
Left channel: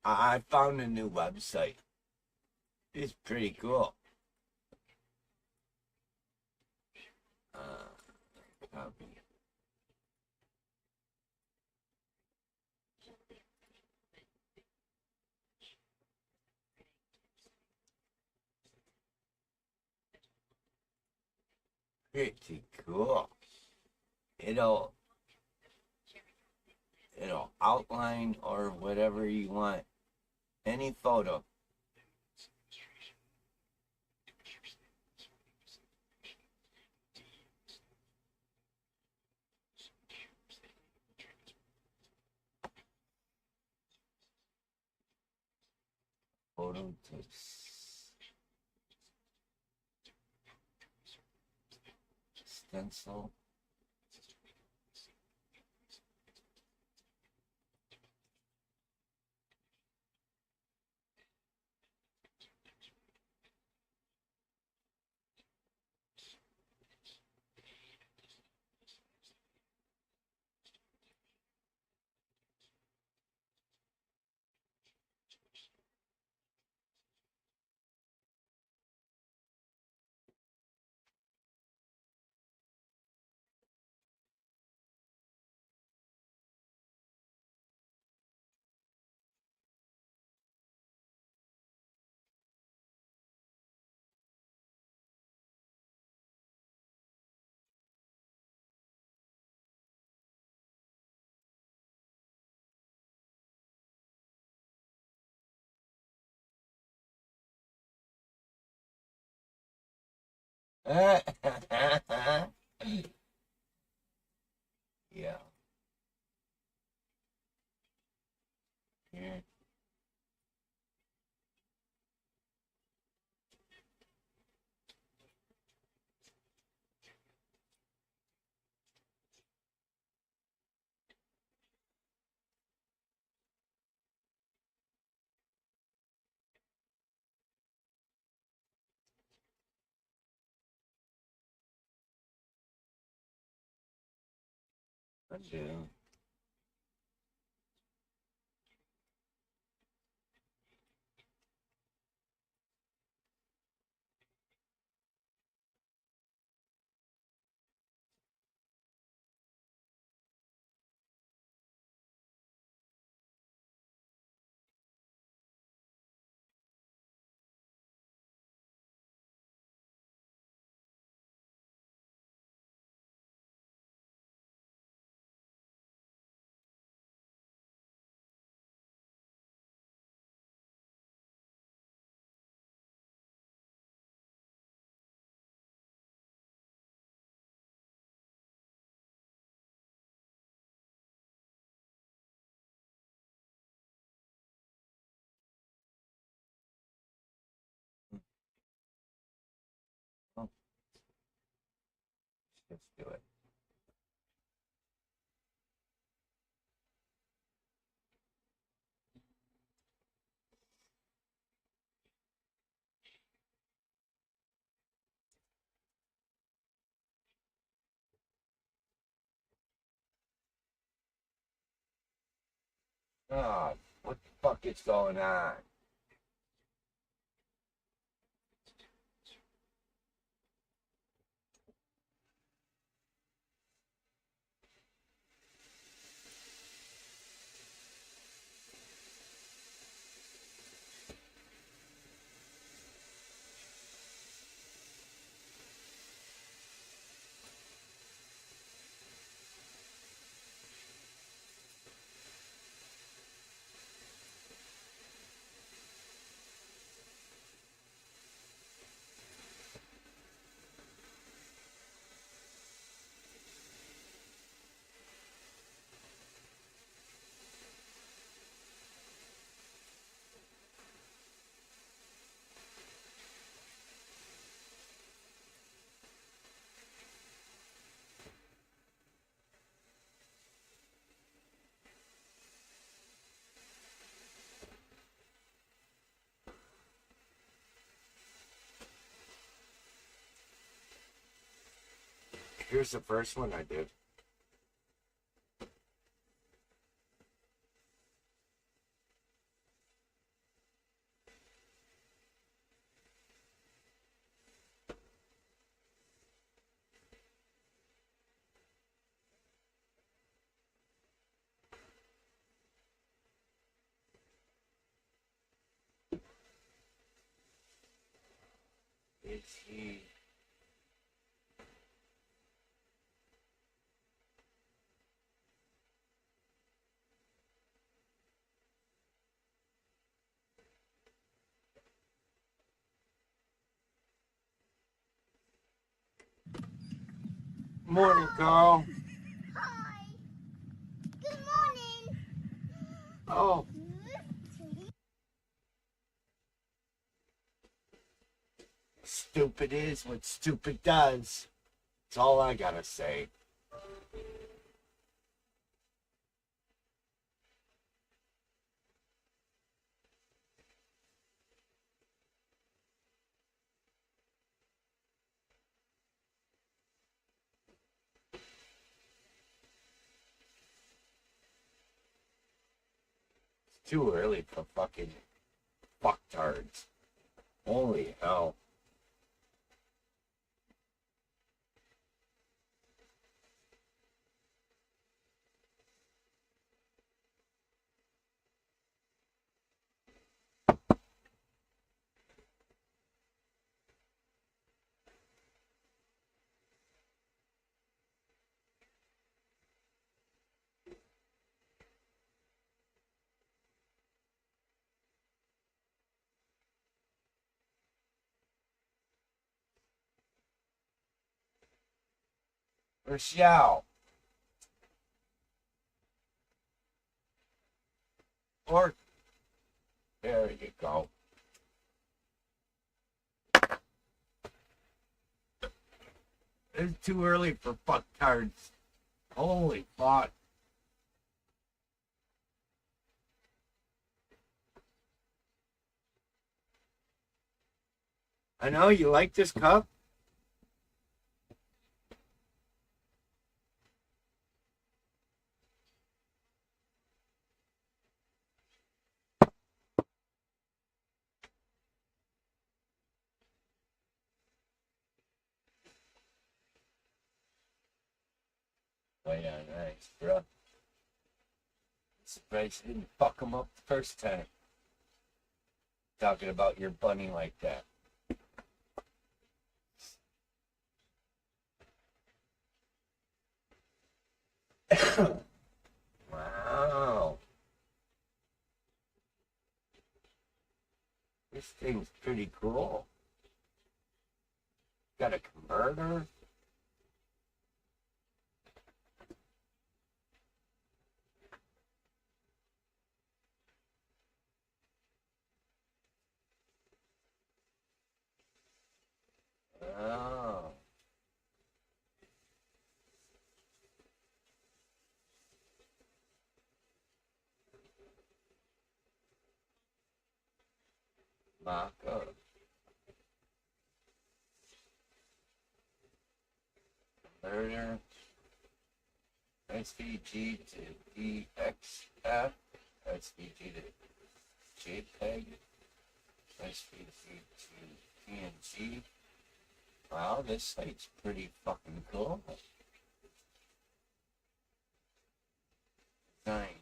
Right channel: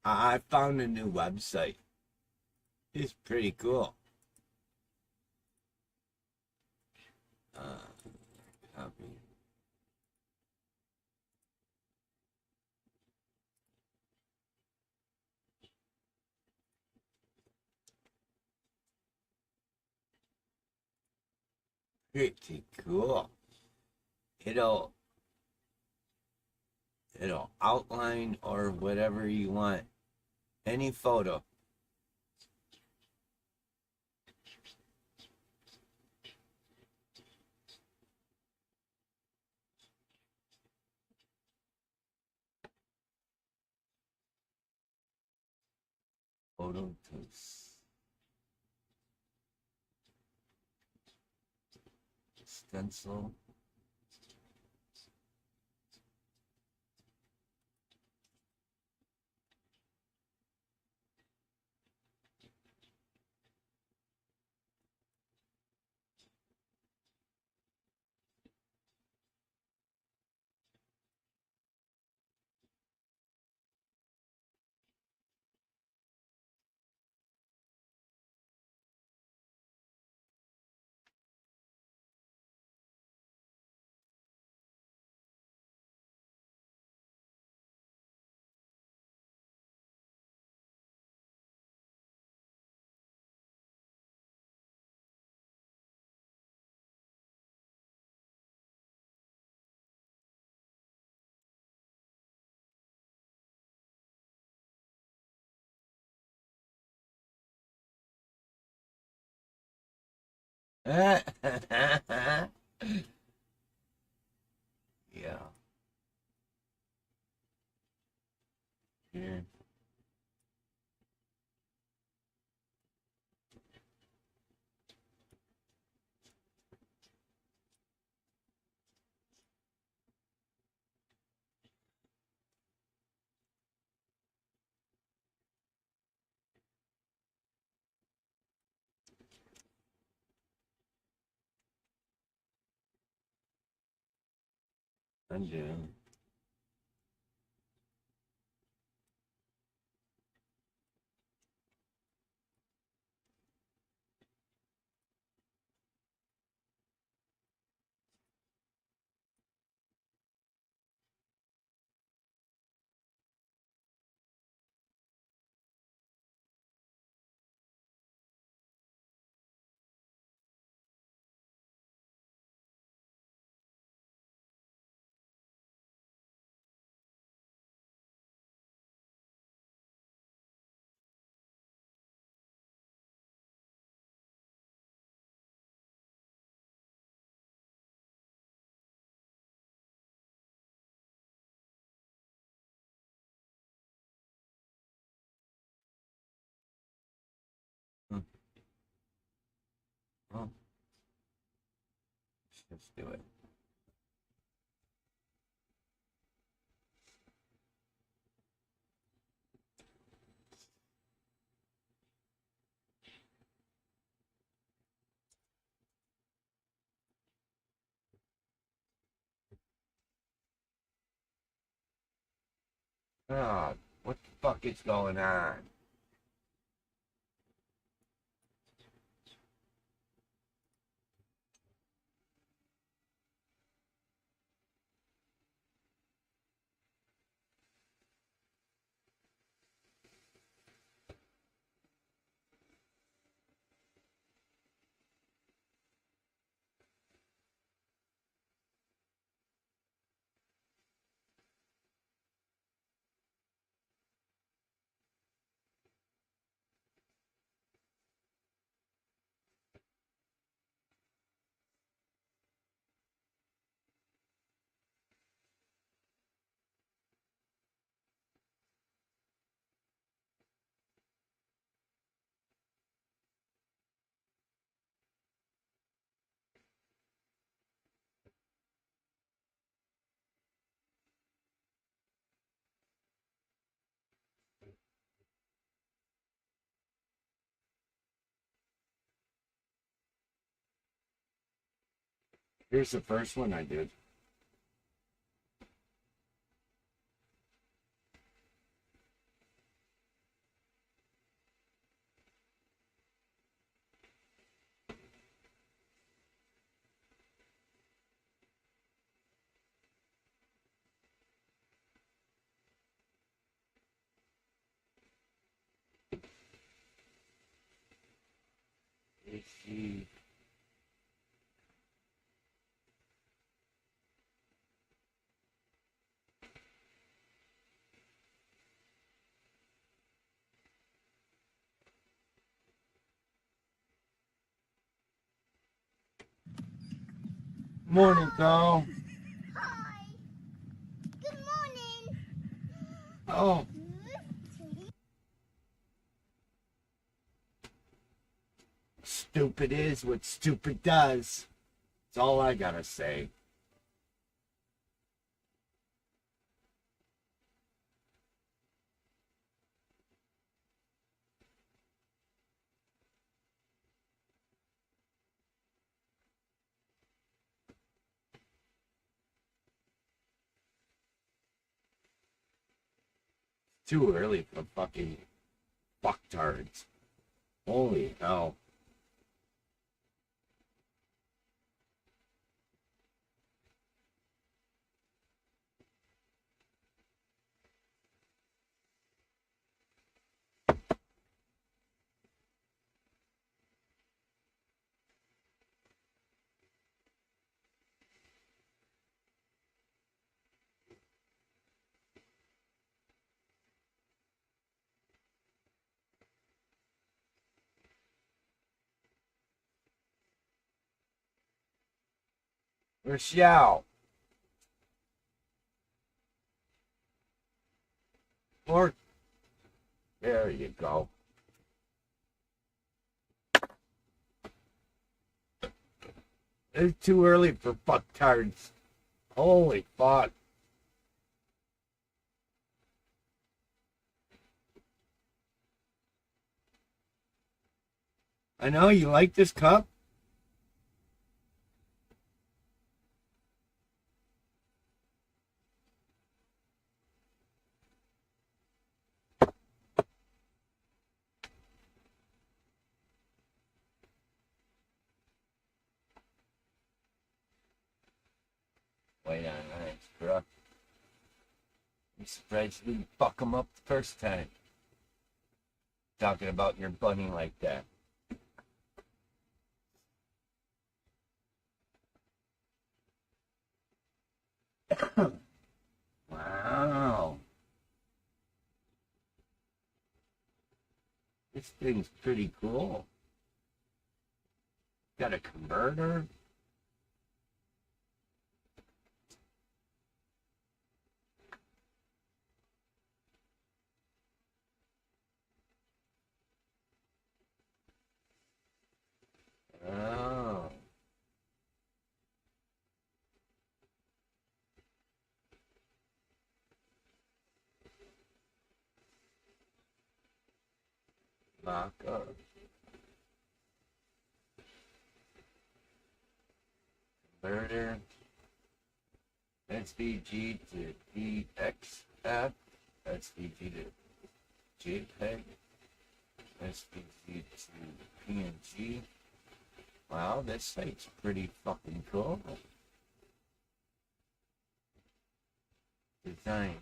I found a new website. It's pretty cool. Copy. Pretty cool. It'll outline or whatever you want. Any photo. Photo to stencil. Yeah. Yeah. Undo. Oh, let's do it. Oh, what the fuck is going on? Here's the first one I did. Let's see. Morning, Carl. Hi. Good morning. Oh. Stupid is what stupid does. That's all I gotta say. It's too early for fucking fucktards. Holy hell. Rochelle. Or there you go. It's too early for fucktards. Holy fuck. I know you like this cup. Wait on that, bro. I'm surprised you didn't fuck him up the first time. Talking about your bunny like that. Wow. This thing's pretty cool. Got a converter. Oh. Mock up. Converter. SVG to DXF. SVG to JPEG. SVG to PNG. Wow, this site's pretty fucking cool. Designs.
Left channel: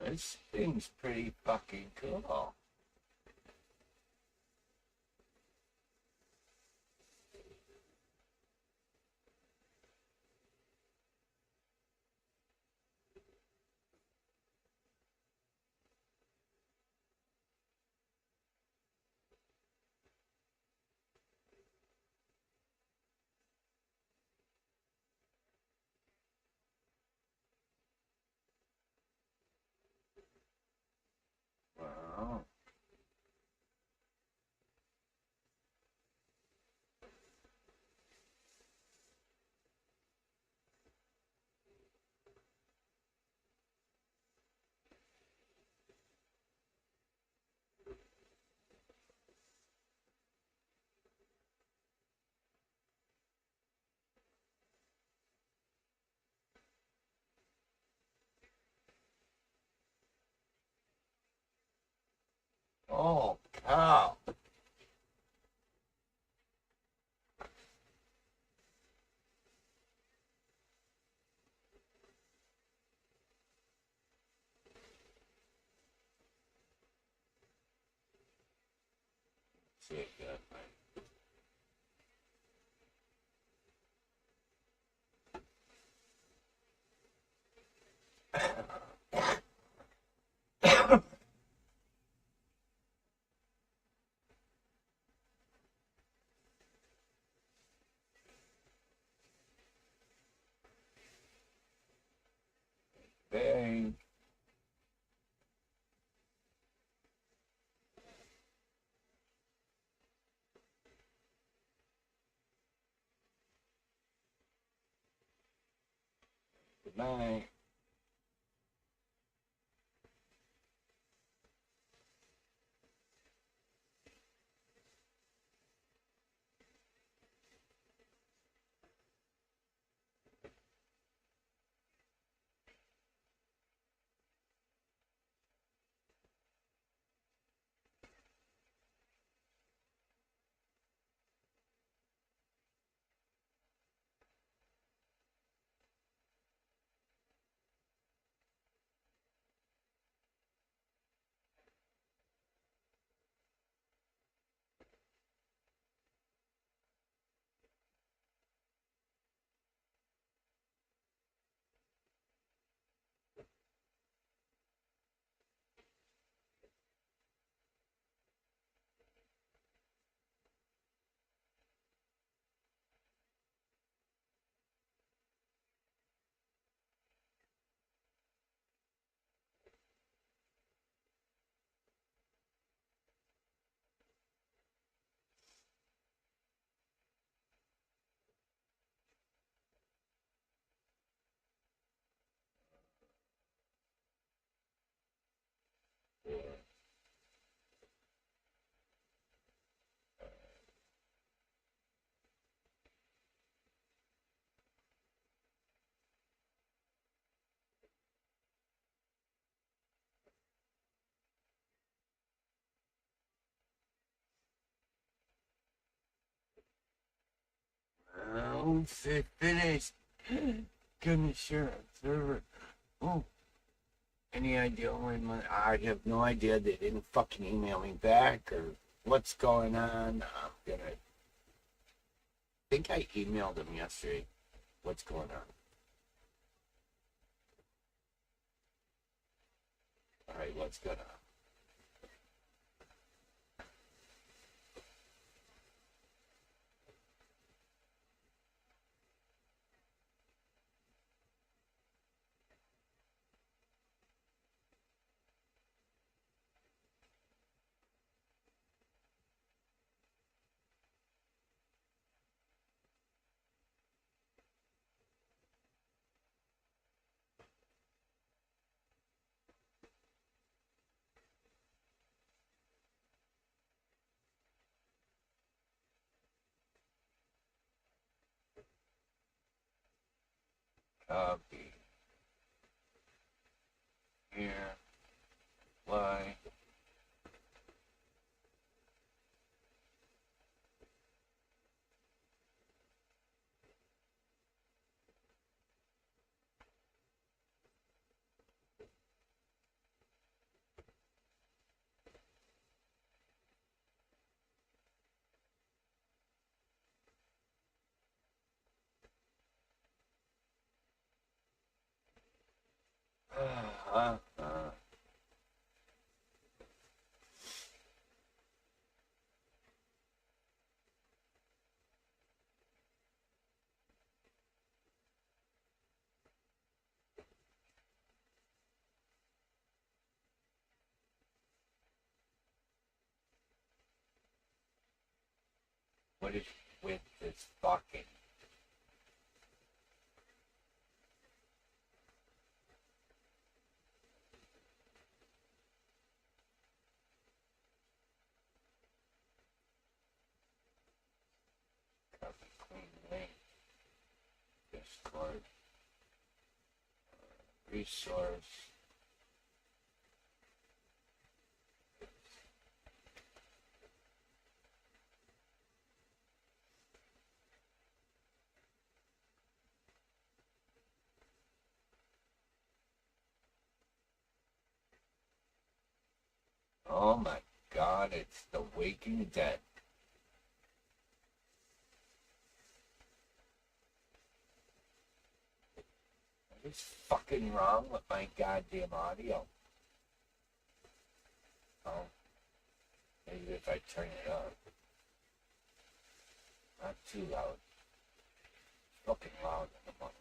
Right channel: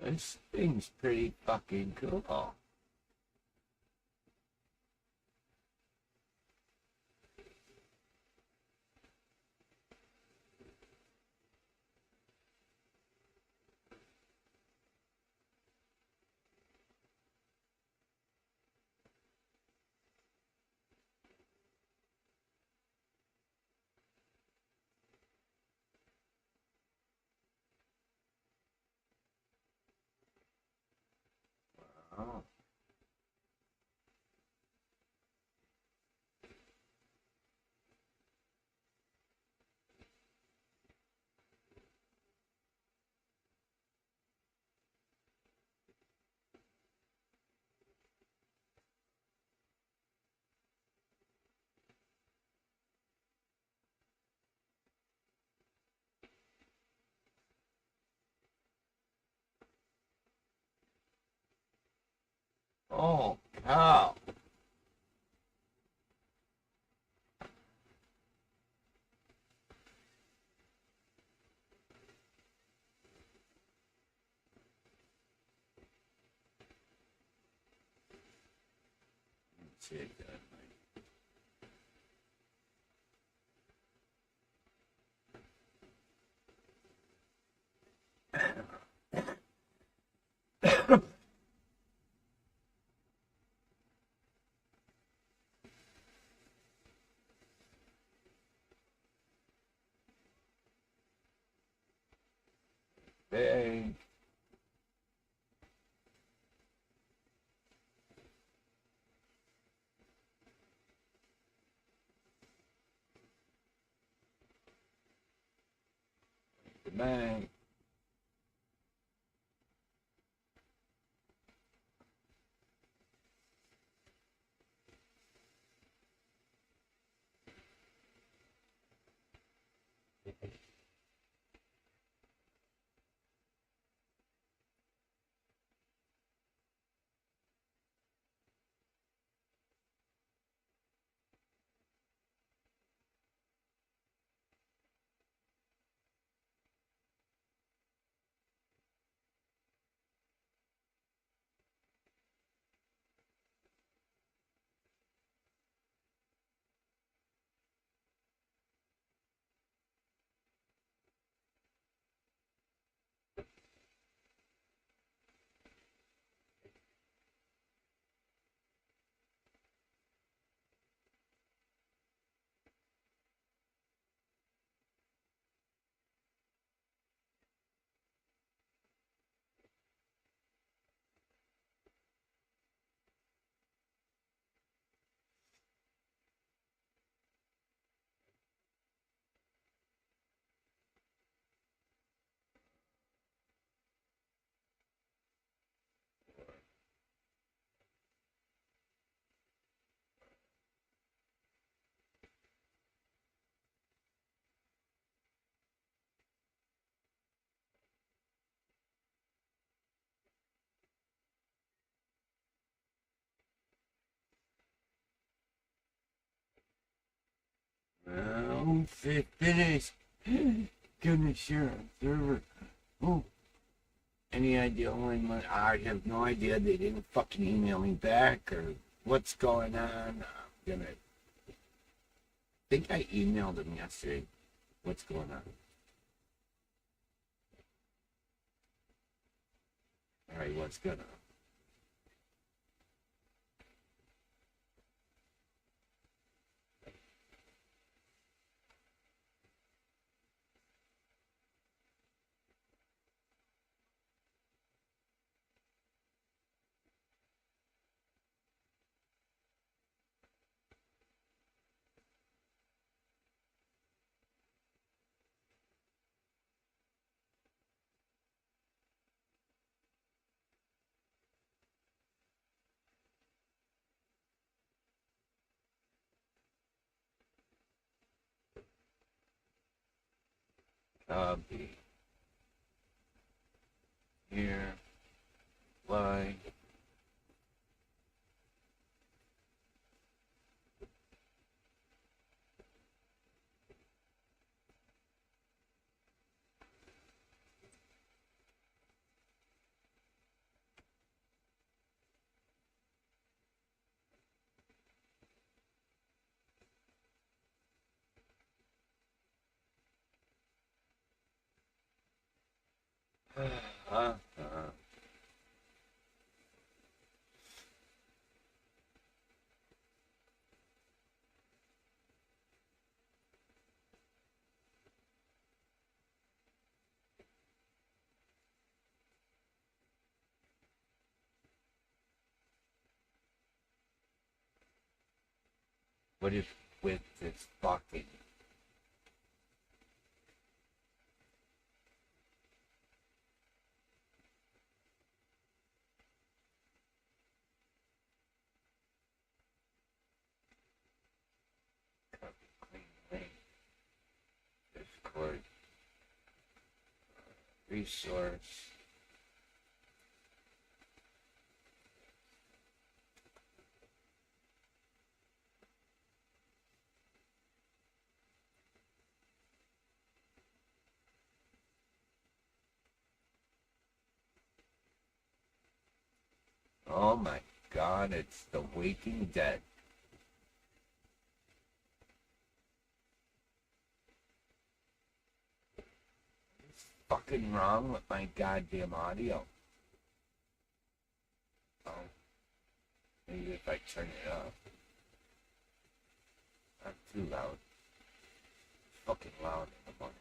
This thing's pretty fucking cool. Wow. Oh, cow. Check that, man. Bang. Bang. Oh, say finished. Gonna share on server. Oh. Any idea when I have no idea. They didn't fucking email me back or what's going on. I'm gonna think I emailed them yesterday. What's going on? Alright, what's going on? Copy. Here. Why? What is with this fucking? Copy, clean link. Discord. Resource. Oh my god, it's The Waking Dead. What is fucking wrong with my goddamn audio? Oh, maybe if I turn it up. Not too loud. Fucking loud in the morning.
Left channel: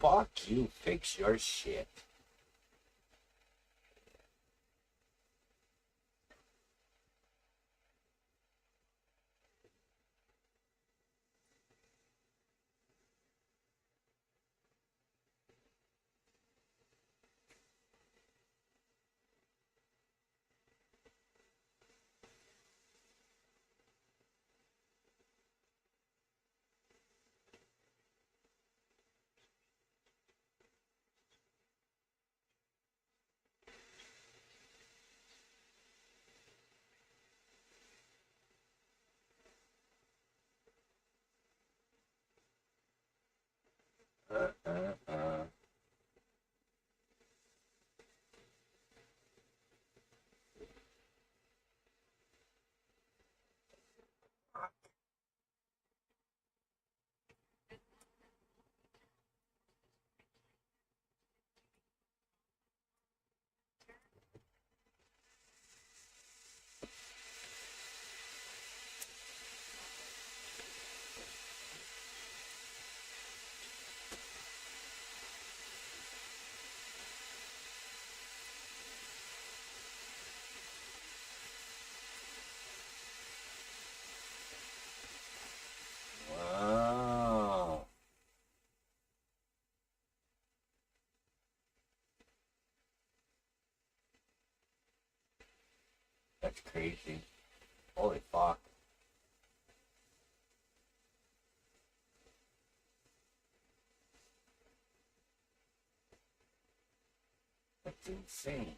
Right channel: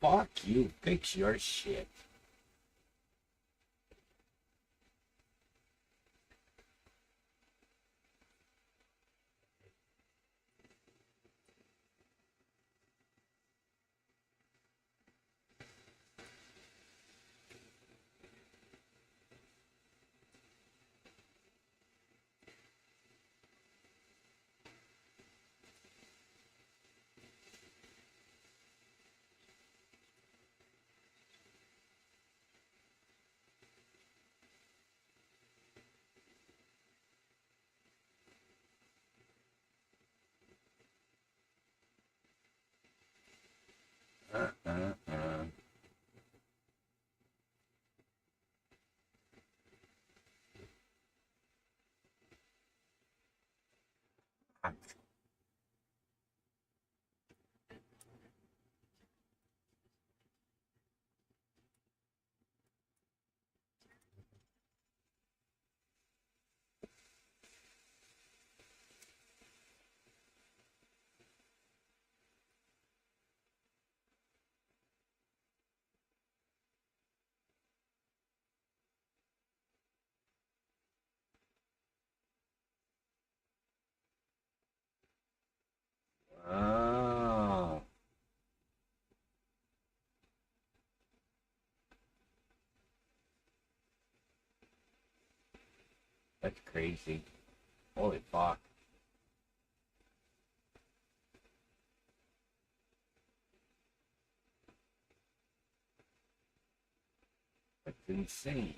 Fuck you, fix your shit. Uh. Wow. That's crazy. Holy fuck. It's insane.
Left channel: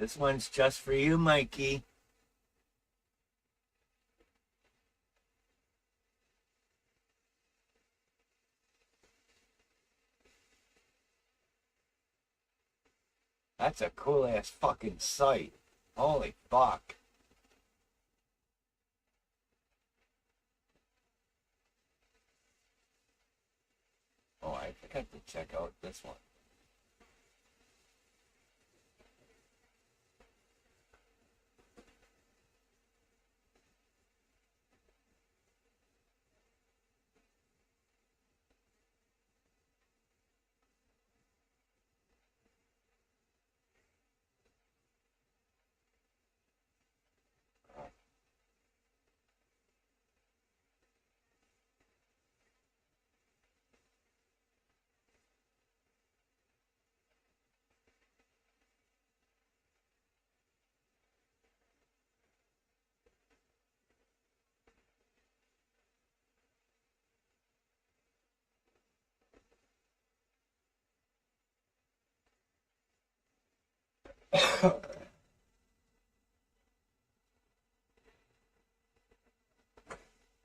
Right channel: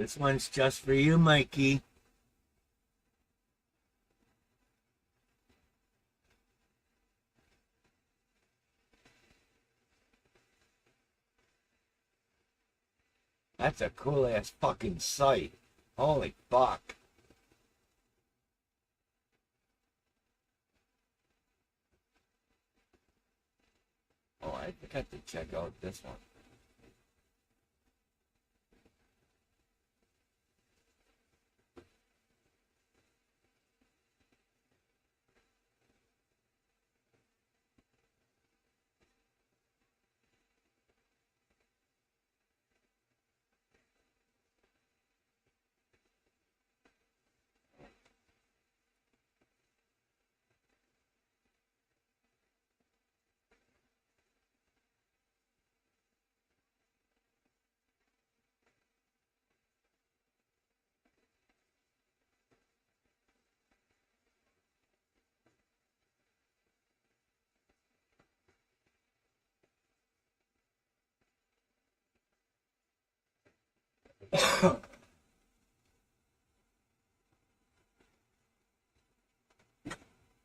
This one's just for you, Mikey. That's a cool ass fucking sight. Holy fuck. Oh, I think I have to check out this one.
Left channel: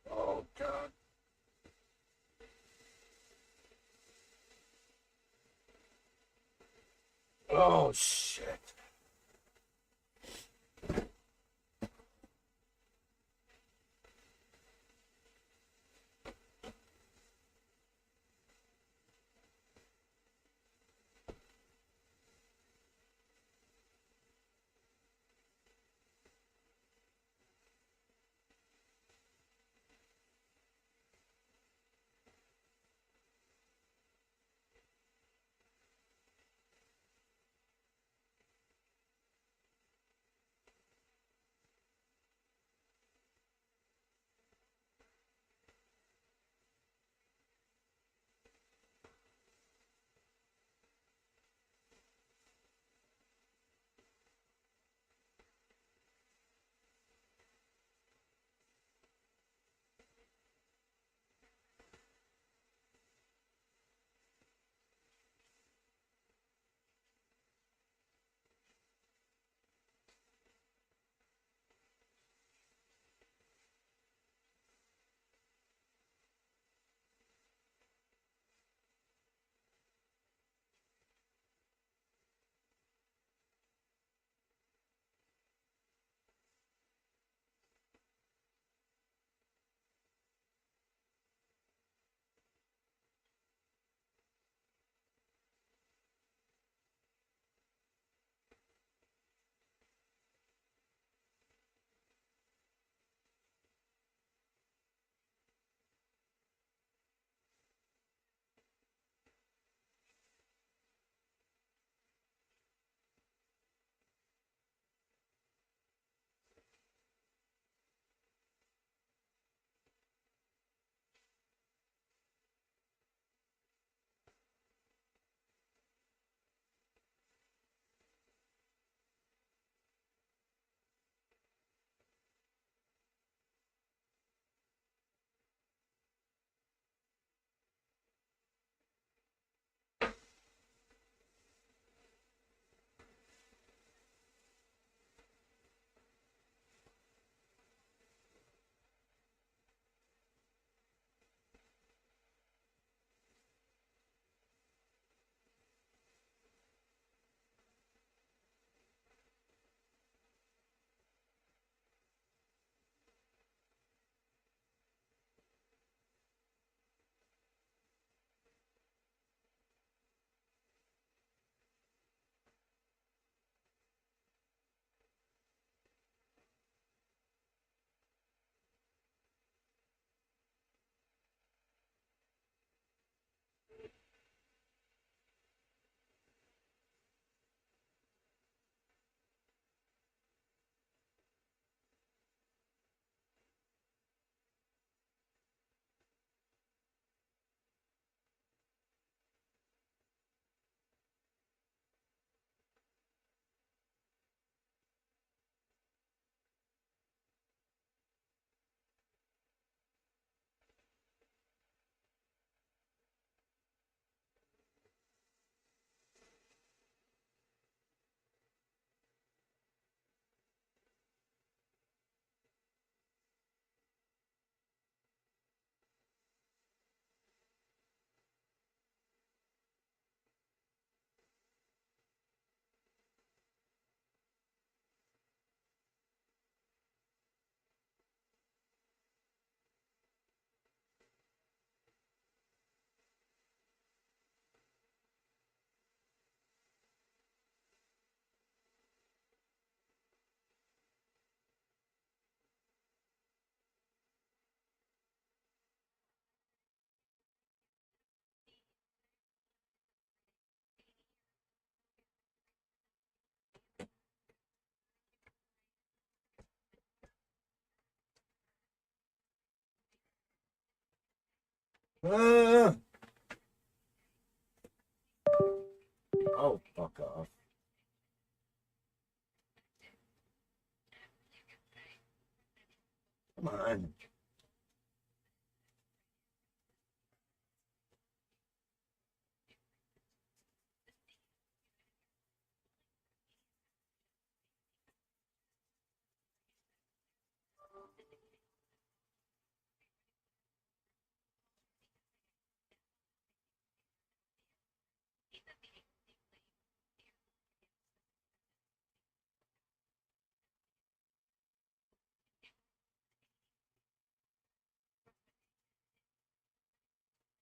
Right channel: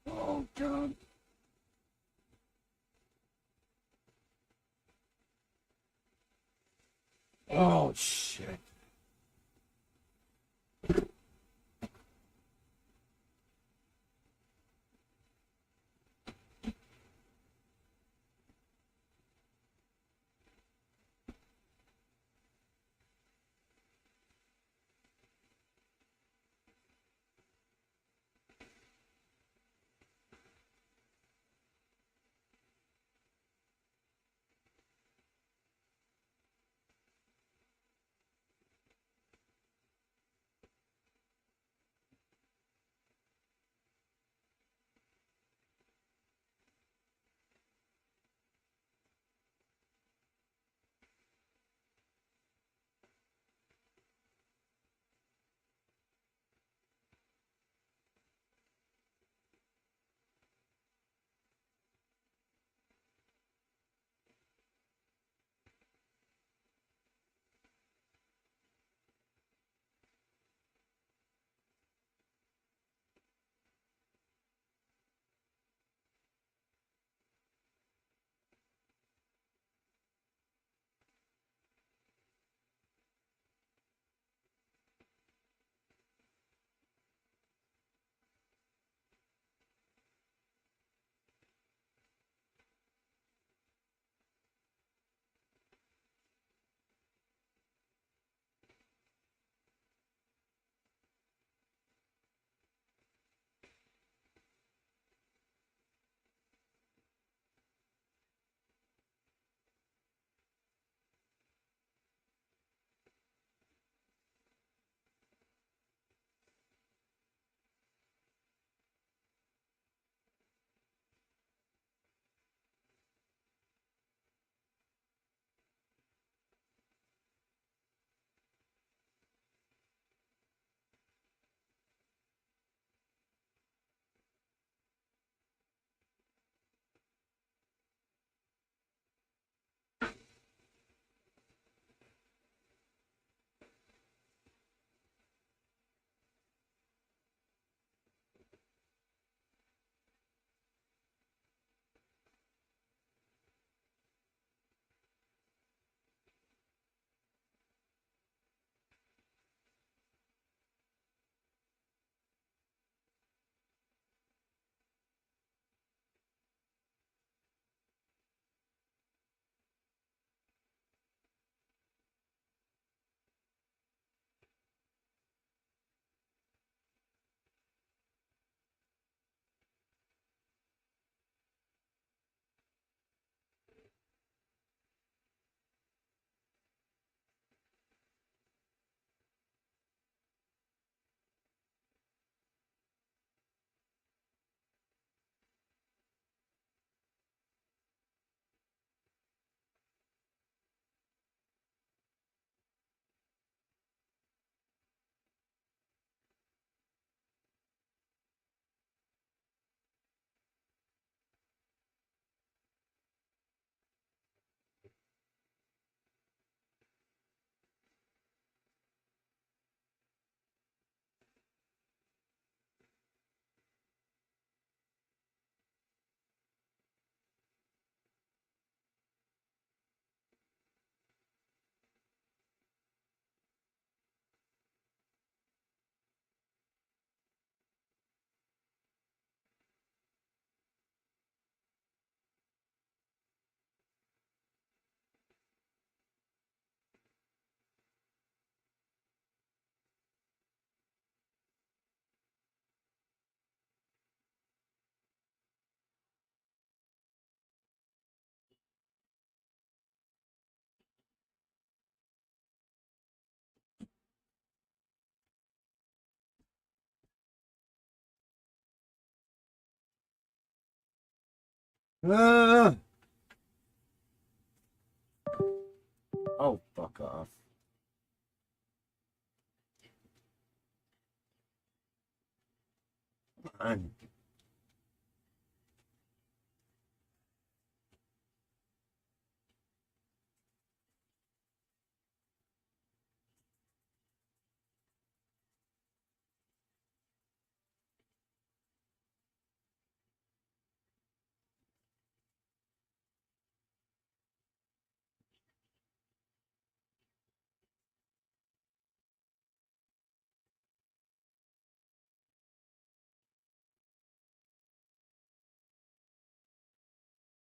Oh, God. Oh, shit. Ah! Oh, fuck off. Come on.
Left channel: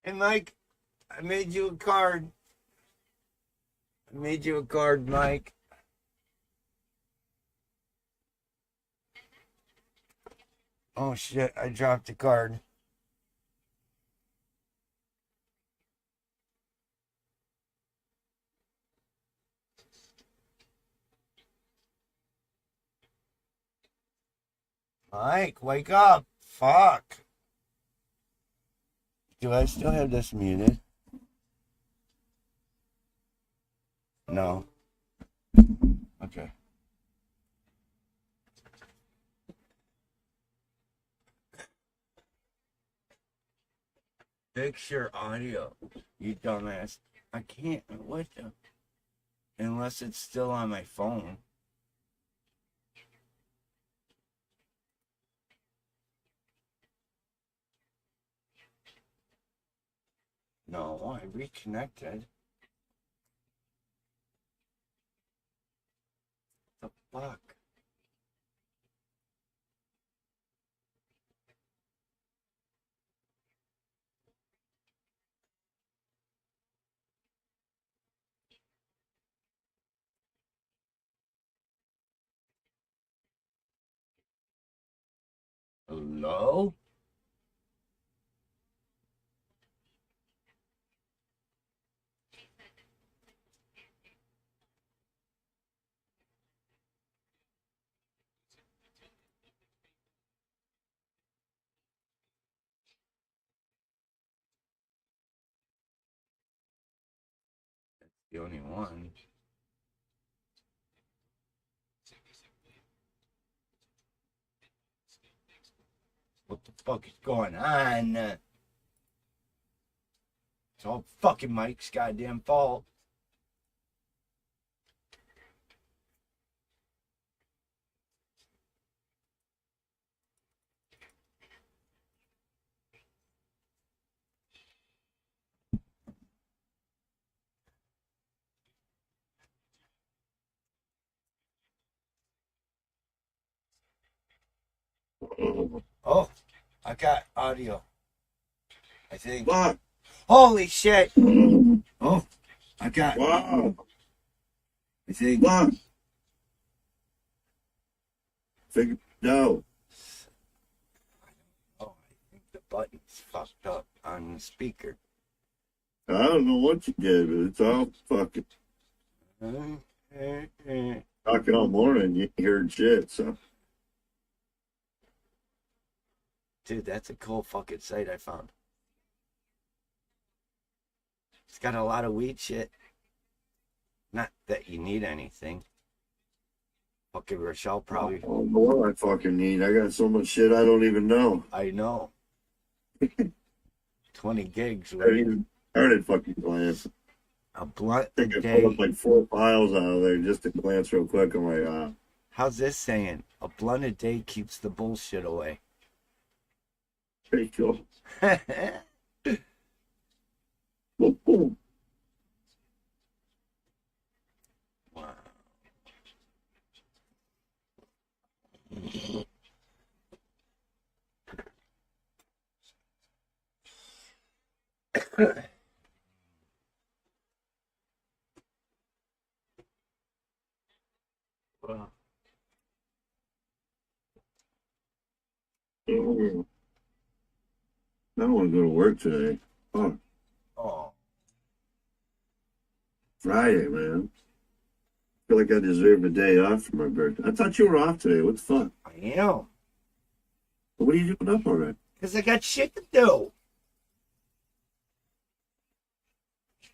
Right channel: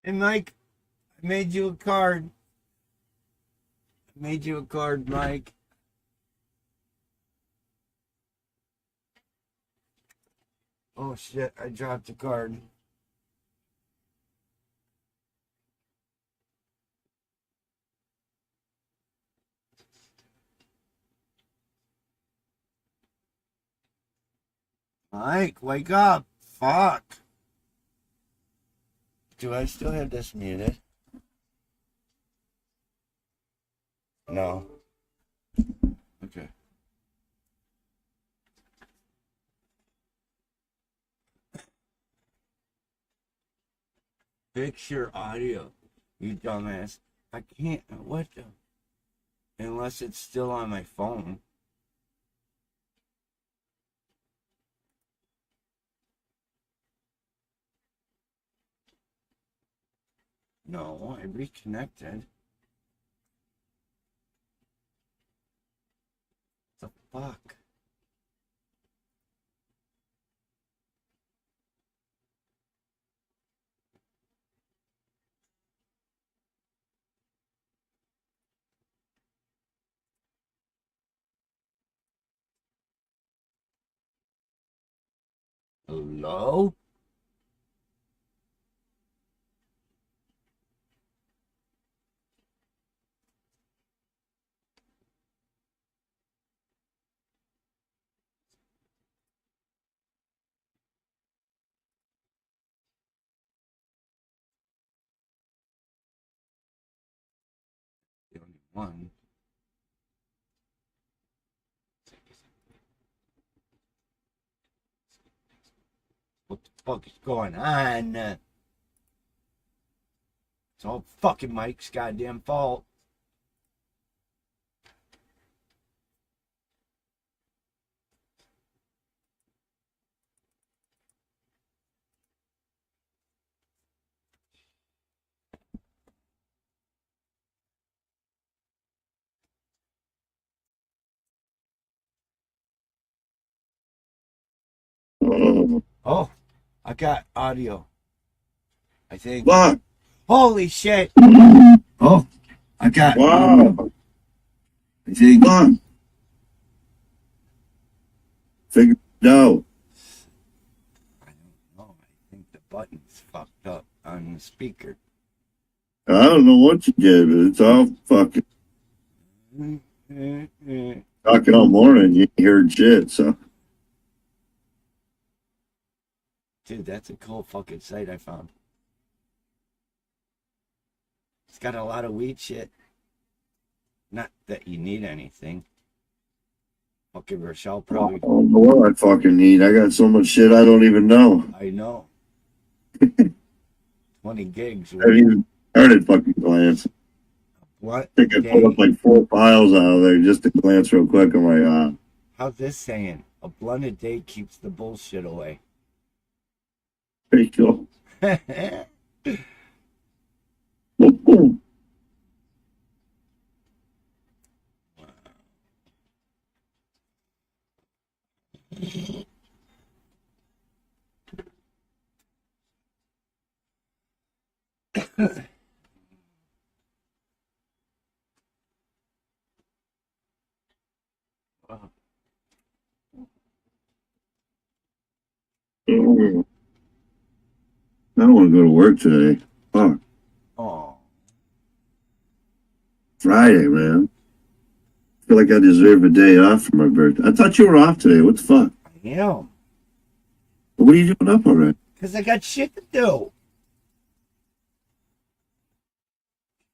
Hey, Mike, I made you a card. I made you a card, Mike. Oh, shit, I dropped the card. Mike, wake up. Fuck. Do I still have this muted? No. Okay. Fix your audio, you dumbass. I can't. What the? Unless it's still on my phone. No, I reconnected. The fuck? Hello? The only one. What the fuck is going on? It's all fucking Mike's goddamn fault. Oh, I got audio. I think. What? Holy shit. Oh, I got. Wow. I think. What? Figure it out. I don't know. I think the button's fucked up on the speaker. I don't know what you did, but it's all fucking talking all morning. You heard shit, so. Dude, that's a cool fucking site I found. It's got a lot of weed shit. Not that you need anything. Fucking Rochelle probably. I don't know what I fucking need. I got so much shit I don't even know. I know. 20 gigs. I haven't even started fucking glancing. A blunt. I think I pulled up like 4 files out of there just to glance real quick. I'm like, How's this saying? A blunt a day keeps the bullshit away. pretty cool. Wow. I don't want to go to work today. Fuck. Oh. Friday, man. I feel like I deserve a day off for my birthday. I thought you were off today. What the fuck? I am. What are you doing up already? Because I got shit to do.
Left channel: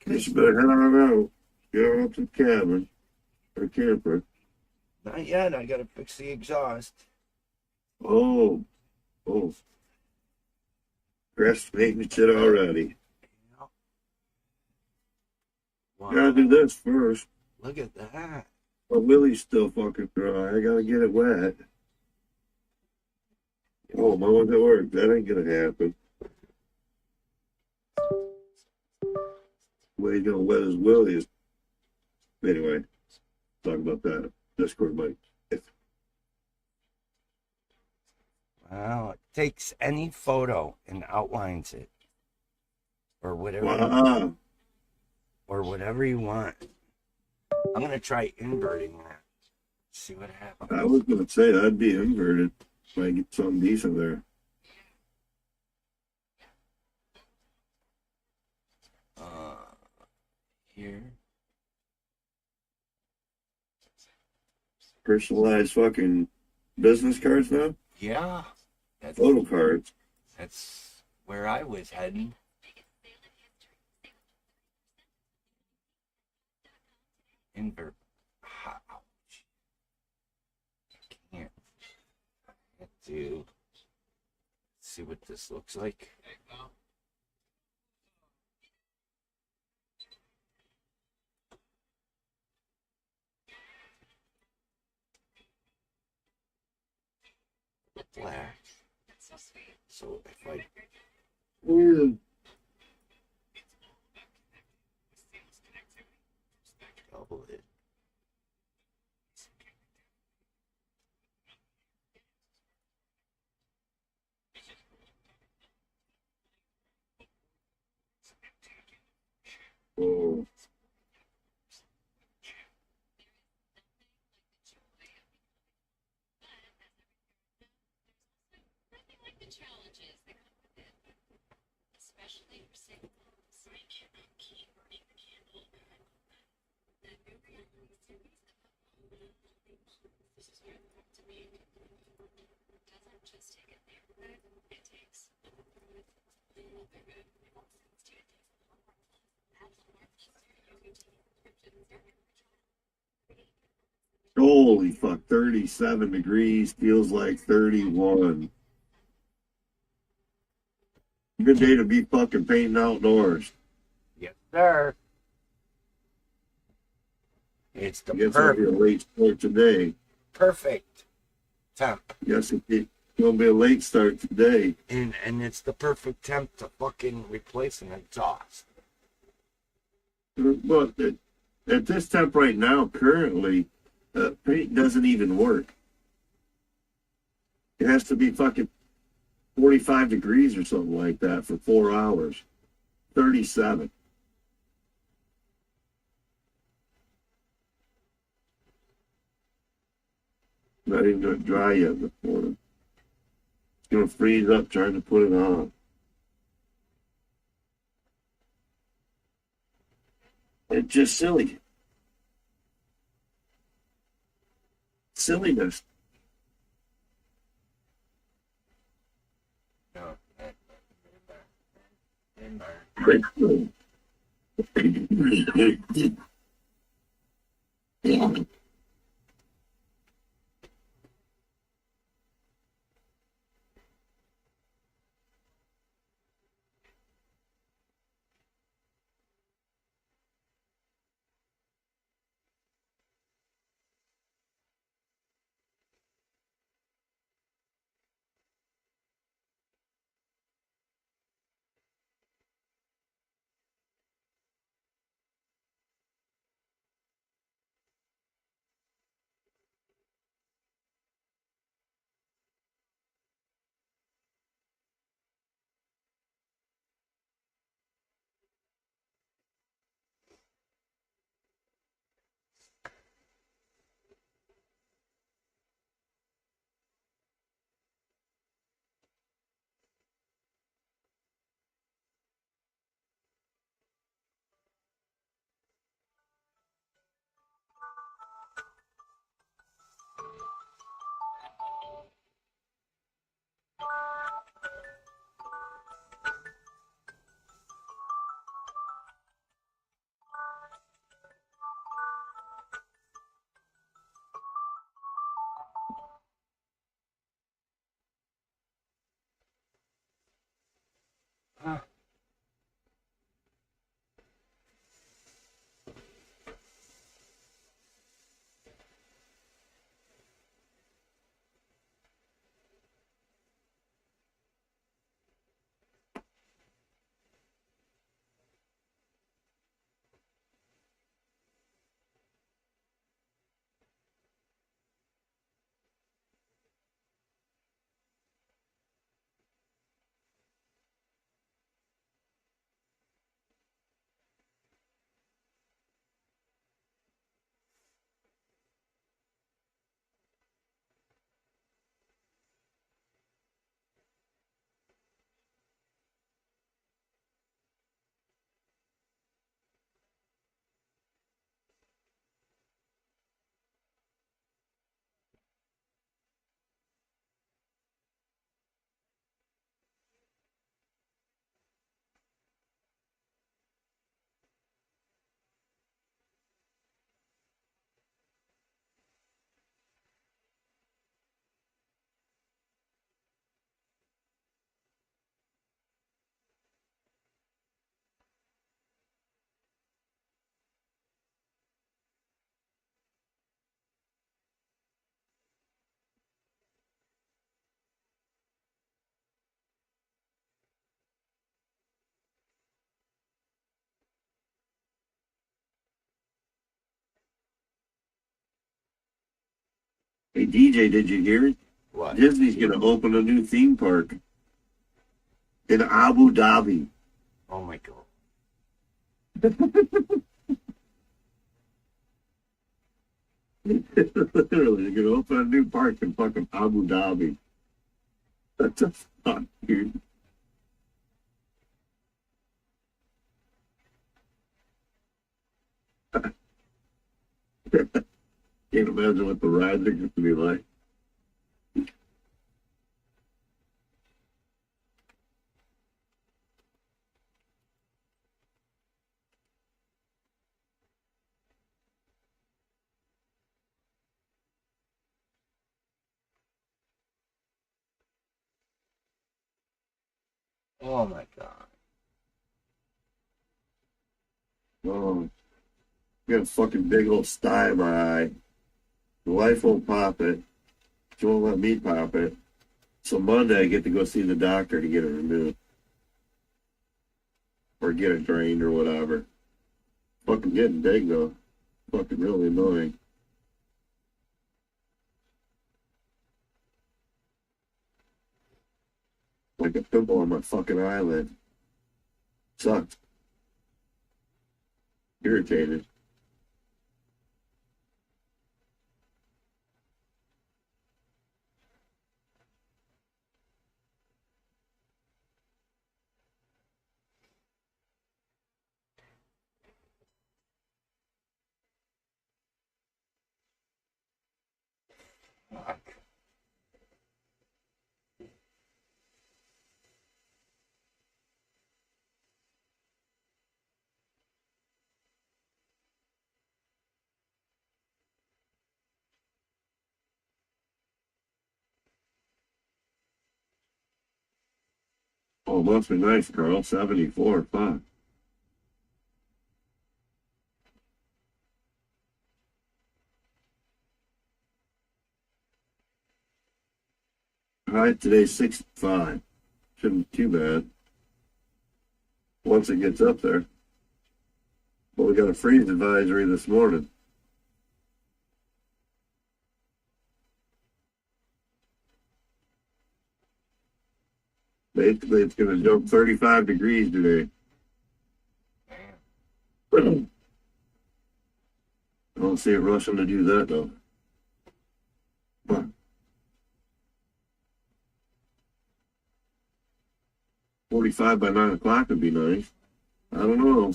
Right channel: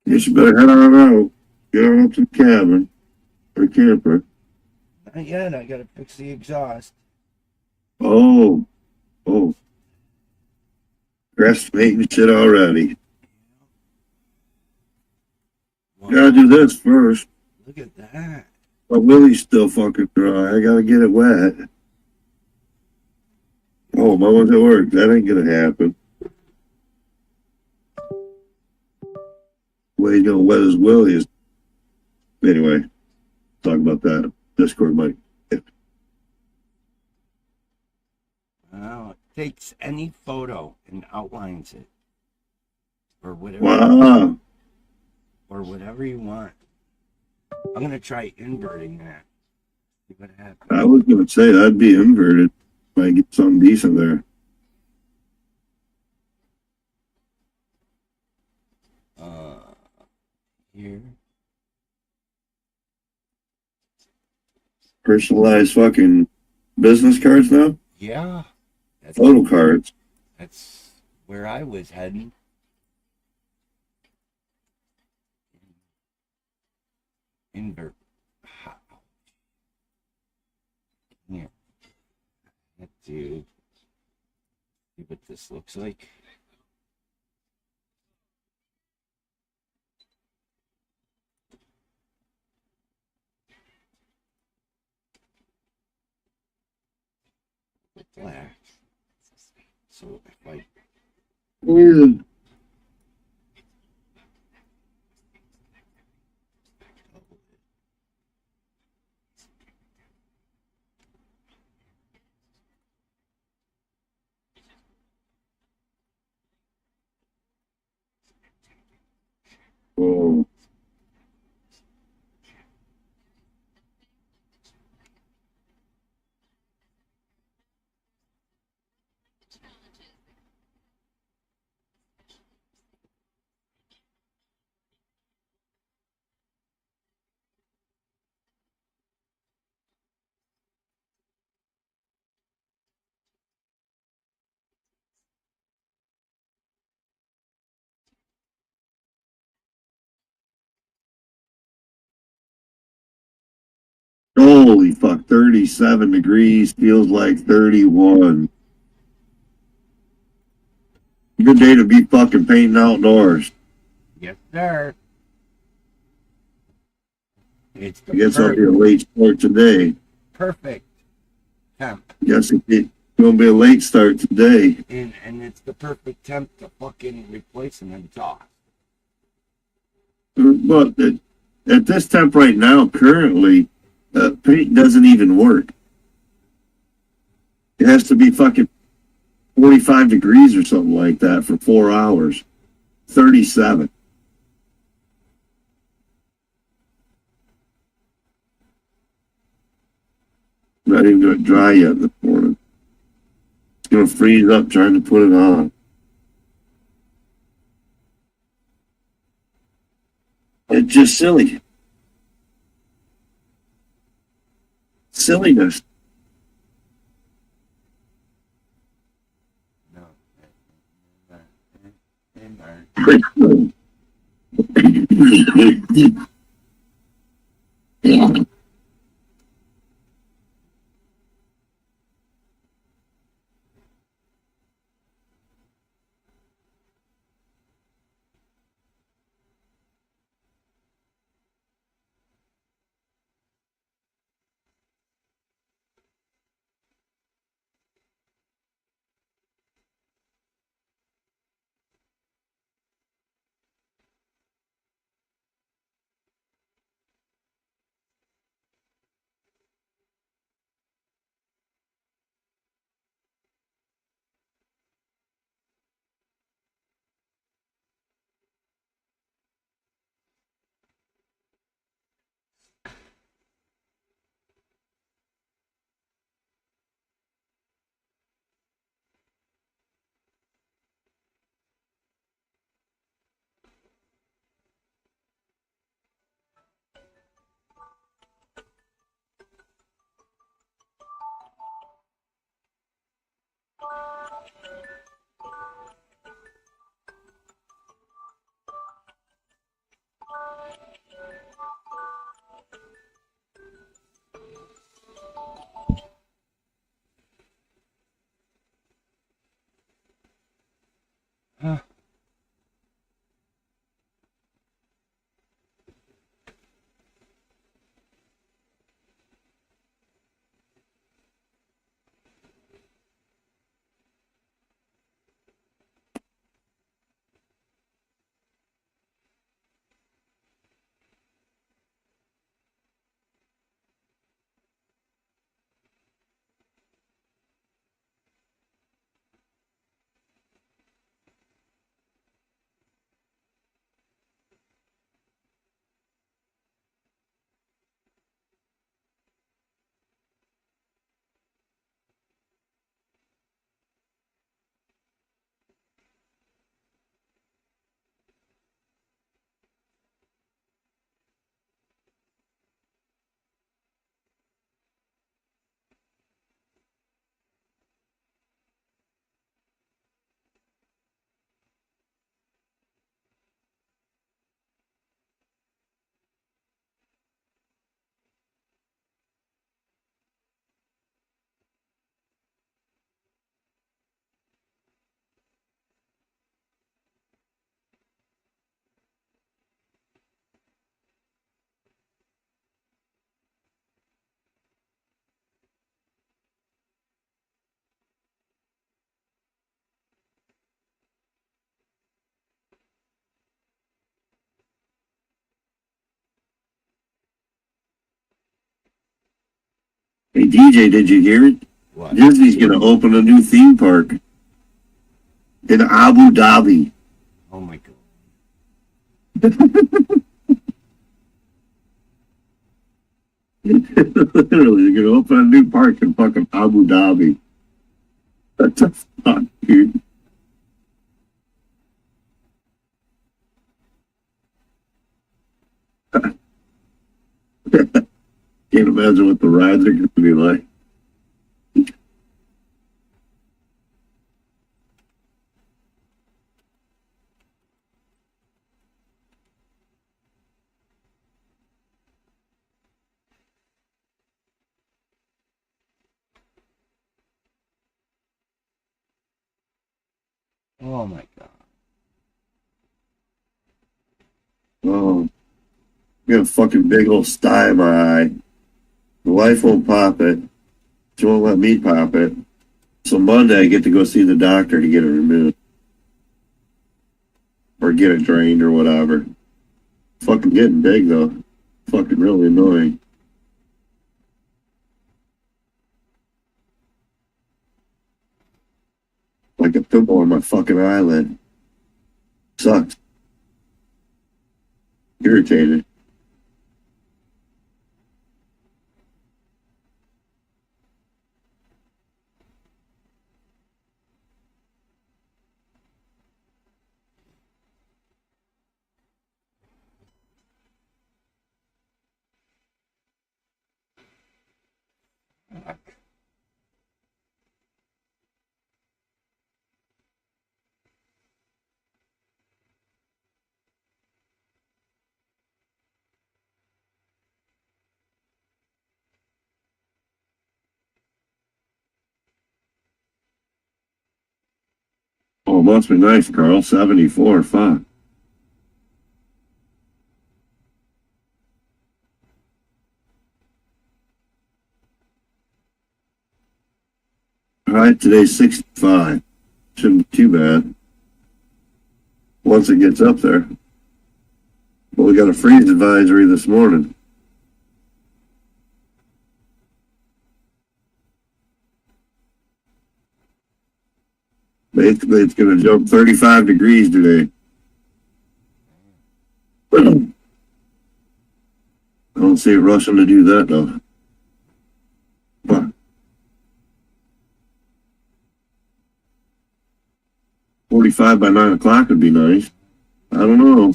Guess you better head on out. Get on up to the cabin or camper. Not yet. I gotta fix the exhaust. Oh, oh. Grass making shit already. Wow. Gotta do this first. Look at that. My willie's still fucking dry. I gotta get it wet. Oh, my one's at work. That ain't gonna happen. The way he's gonna wet his willie is. Anyway, talk about that. Discord mic. Wow. It takes any photo and outlines it. Or whatever. Wow. Or whatever you want. I'm gonna try inverting that. See what happens. I was gonna say that'd be inverted. Might get something decent there. Here. Personalized fucking business cards now? Yeah. Photo cards. That's where I was heading. Invert. Ouch. Can't. Let's do. See what this looks like. Black. So if I double it. Oh. Holy fuck, 37 degrees feels like 31. Good day to be fucking painting outdoors. Yes, sir. It's the I guess I'll be a late start today. perfect temp. Yes, it's going to be a late start today. And it's the perfect temp to fucking replace an exhaust. But at this temp right now, currently, paint doesn't even work. It has to be fucking 45 degrees or something like that for 4 hours. 37. Not even going to dry yet this morning. It's going to freeze up trying to put it on. It's just silly. Silliness. Yeah. Hey DJ, did you hear it? What? Disney's gonna open a new theme park in Abu Dhabi. Oh my god. Literally, they're gonna open a new park in fucking Abu Dhabi. That's a fuck, dude. Can't imagine what the rides are gonna be like. Oh my god. Oh, I got a fucking big old sty in my eye. The wife won't pop it. She won't let me pop it. So Monday I get to go see the doctor to get it removed. Or get it drained or whatever. Fucking getting big though. Fucking really annoying. Like a pimple on my fucking eyelid. Sucks. Irritated. Oh, must be nice, Carl. 74. Fuck. All right, today's 65. Shouldn't be too bad. Once it gets up there. But we got a freeze advisory this morning. Basically, it's going to jump 35 degrees today. I don't see it rushing to do that, though. But 45 by 9 o'clock would be nice. I don't know.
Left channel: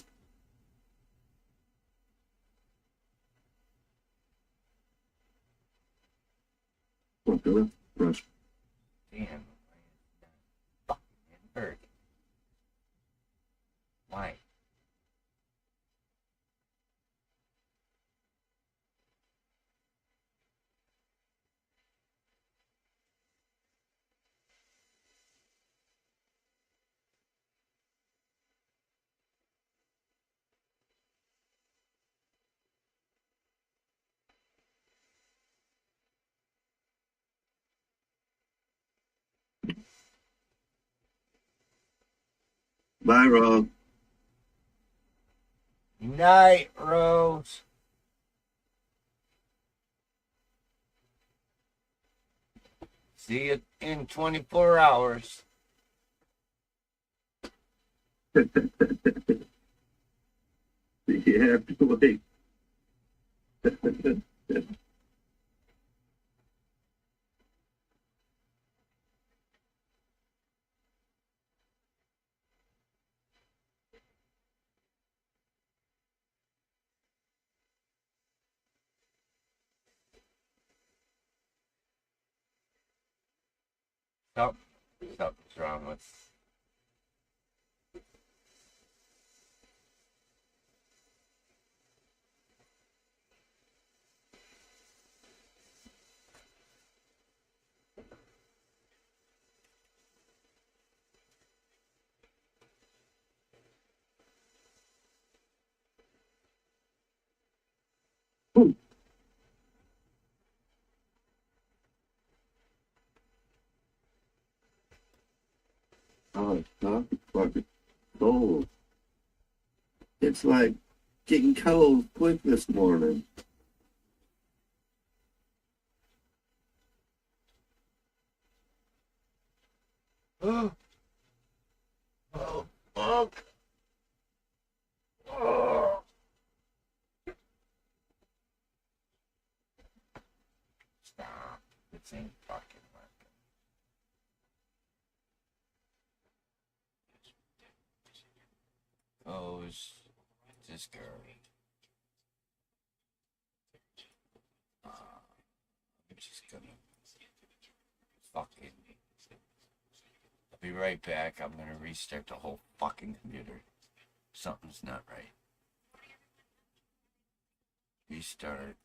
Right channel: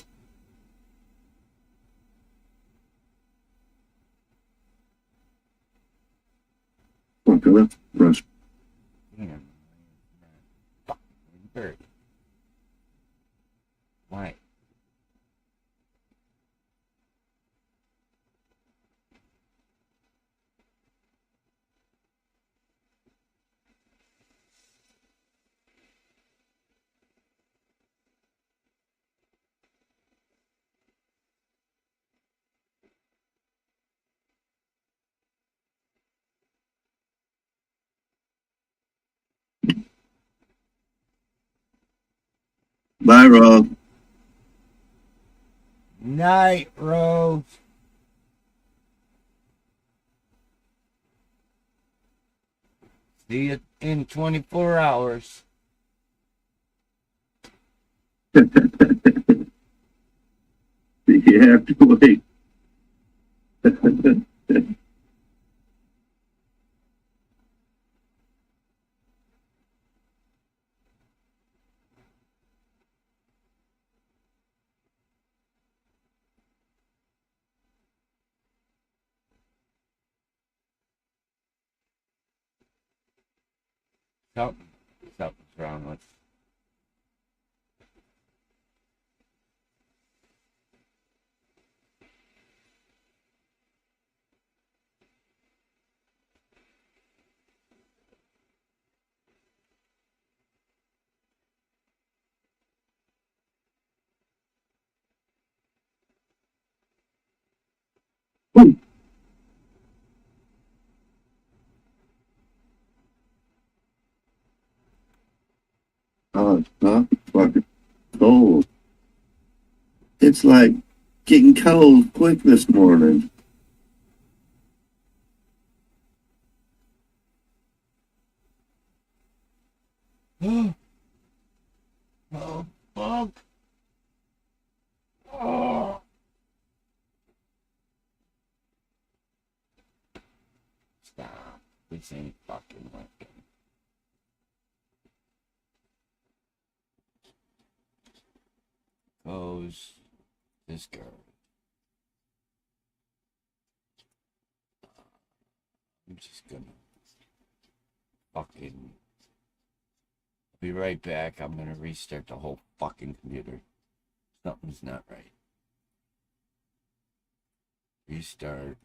Okay, rush. Damn. Fucking bird. Why? Bye, Rob. Night, Rose. See you in 24 hours. You have to wait. Something's wrong with. Oh, it's not fucking cold. It's like getting cold quick this morning. Oh, fuck. Oh. Stop. This ain't fucking working. Goes this girl. I'm just gonna fucking be right back. I'm gonna restart the whole fucking computer. Something's not right. Restart.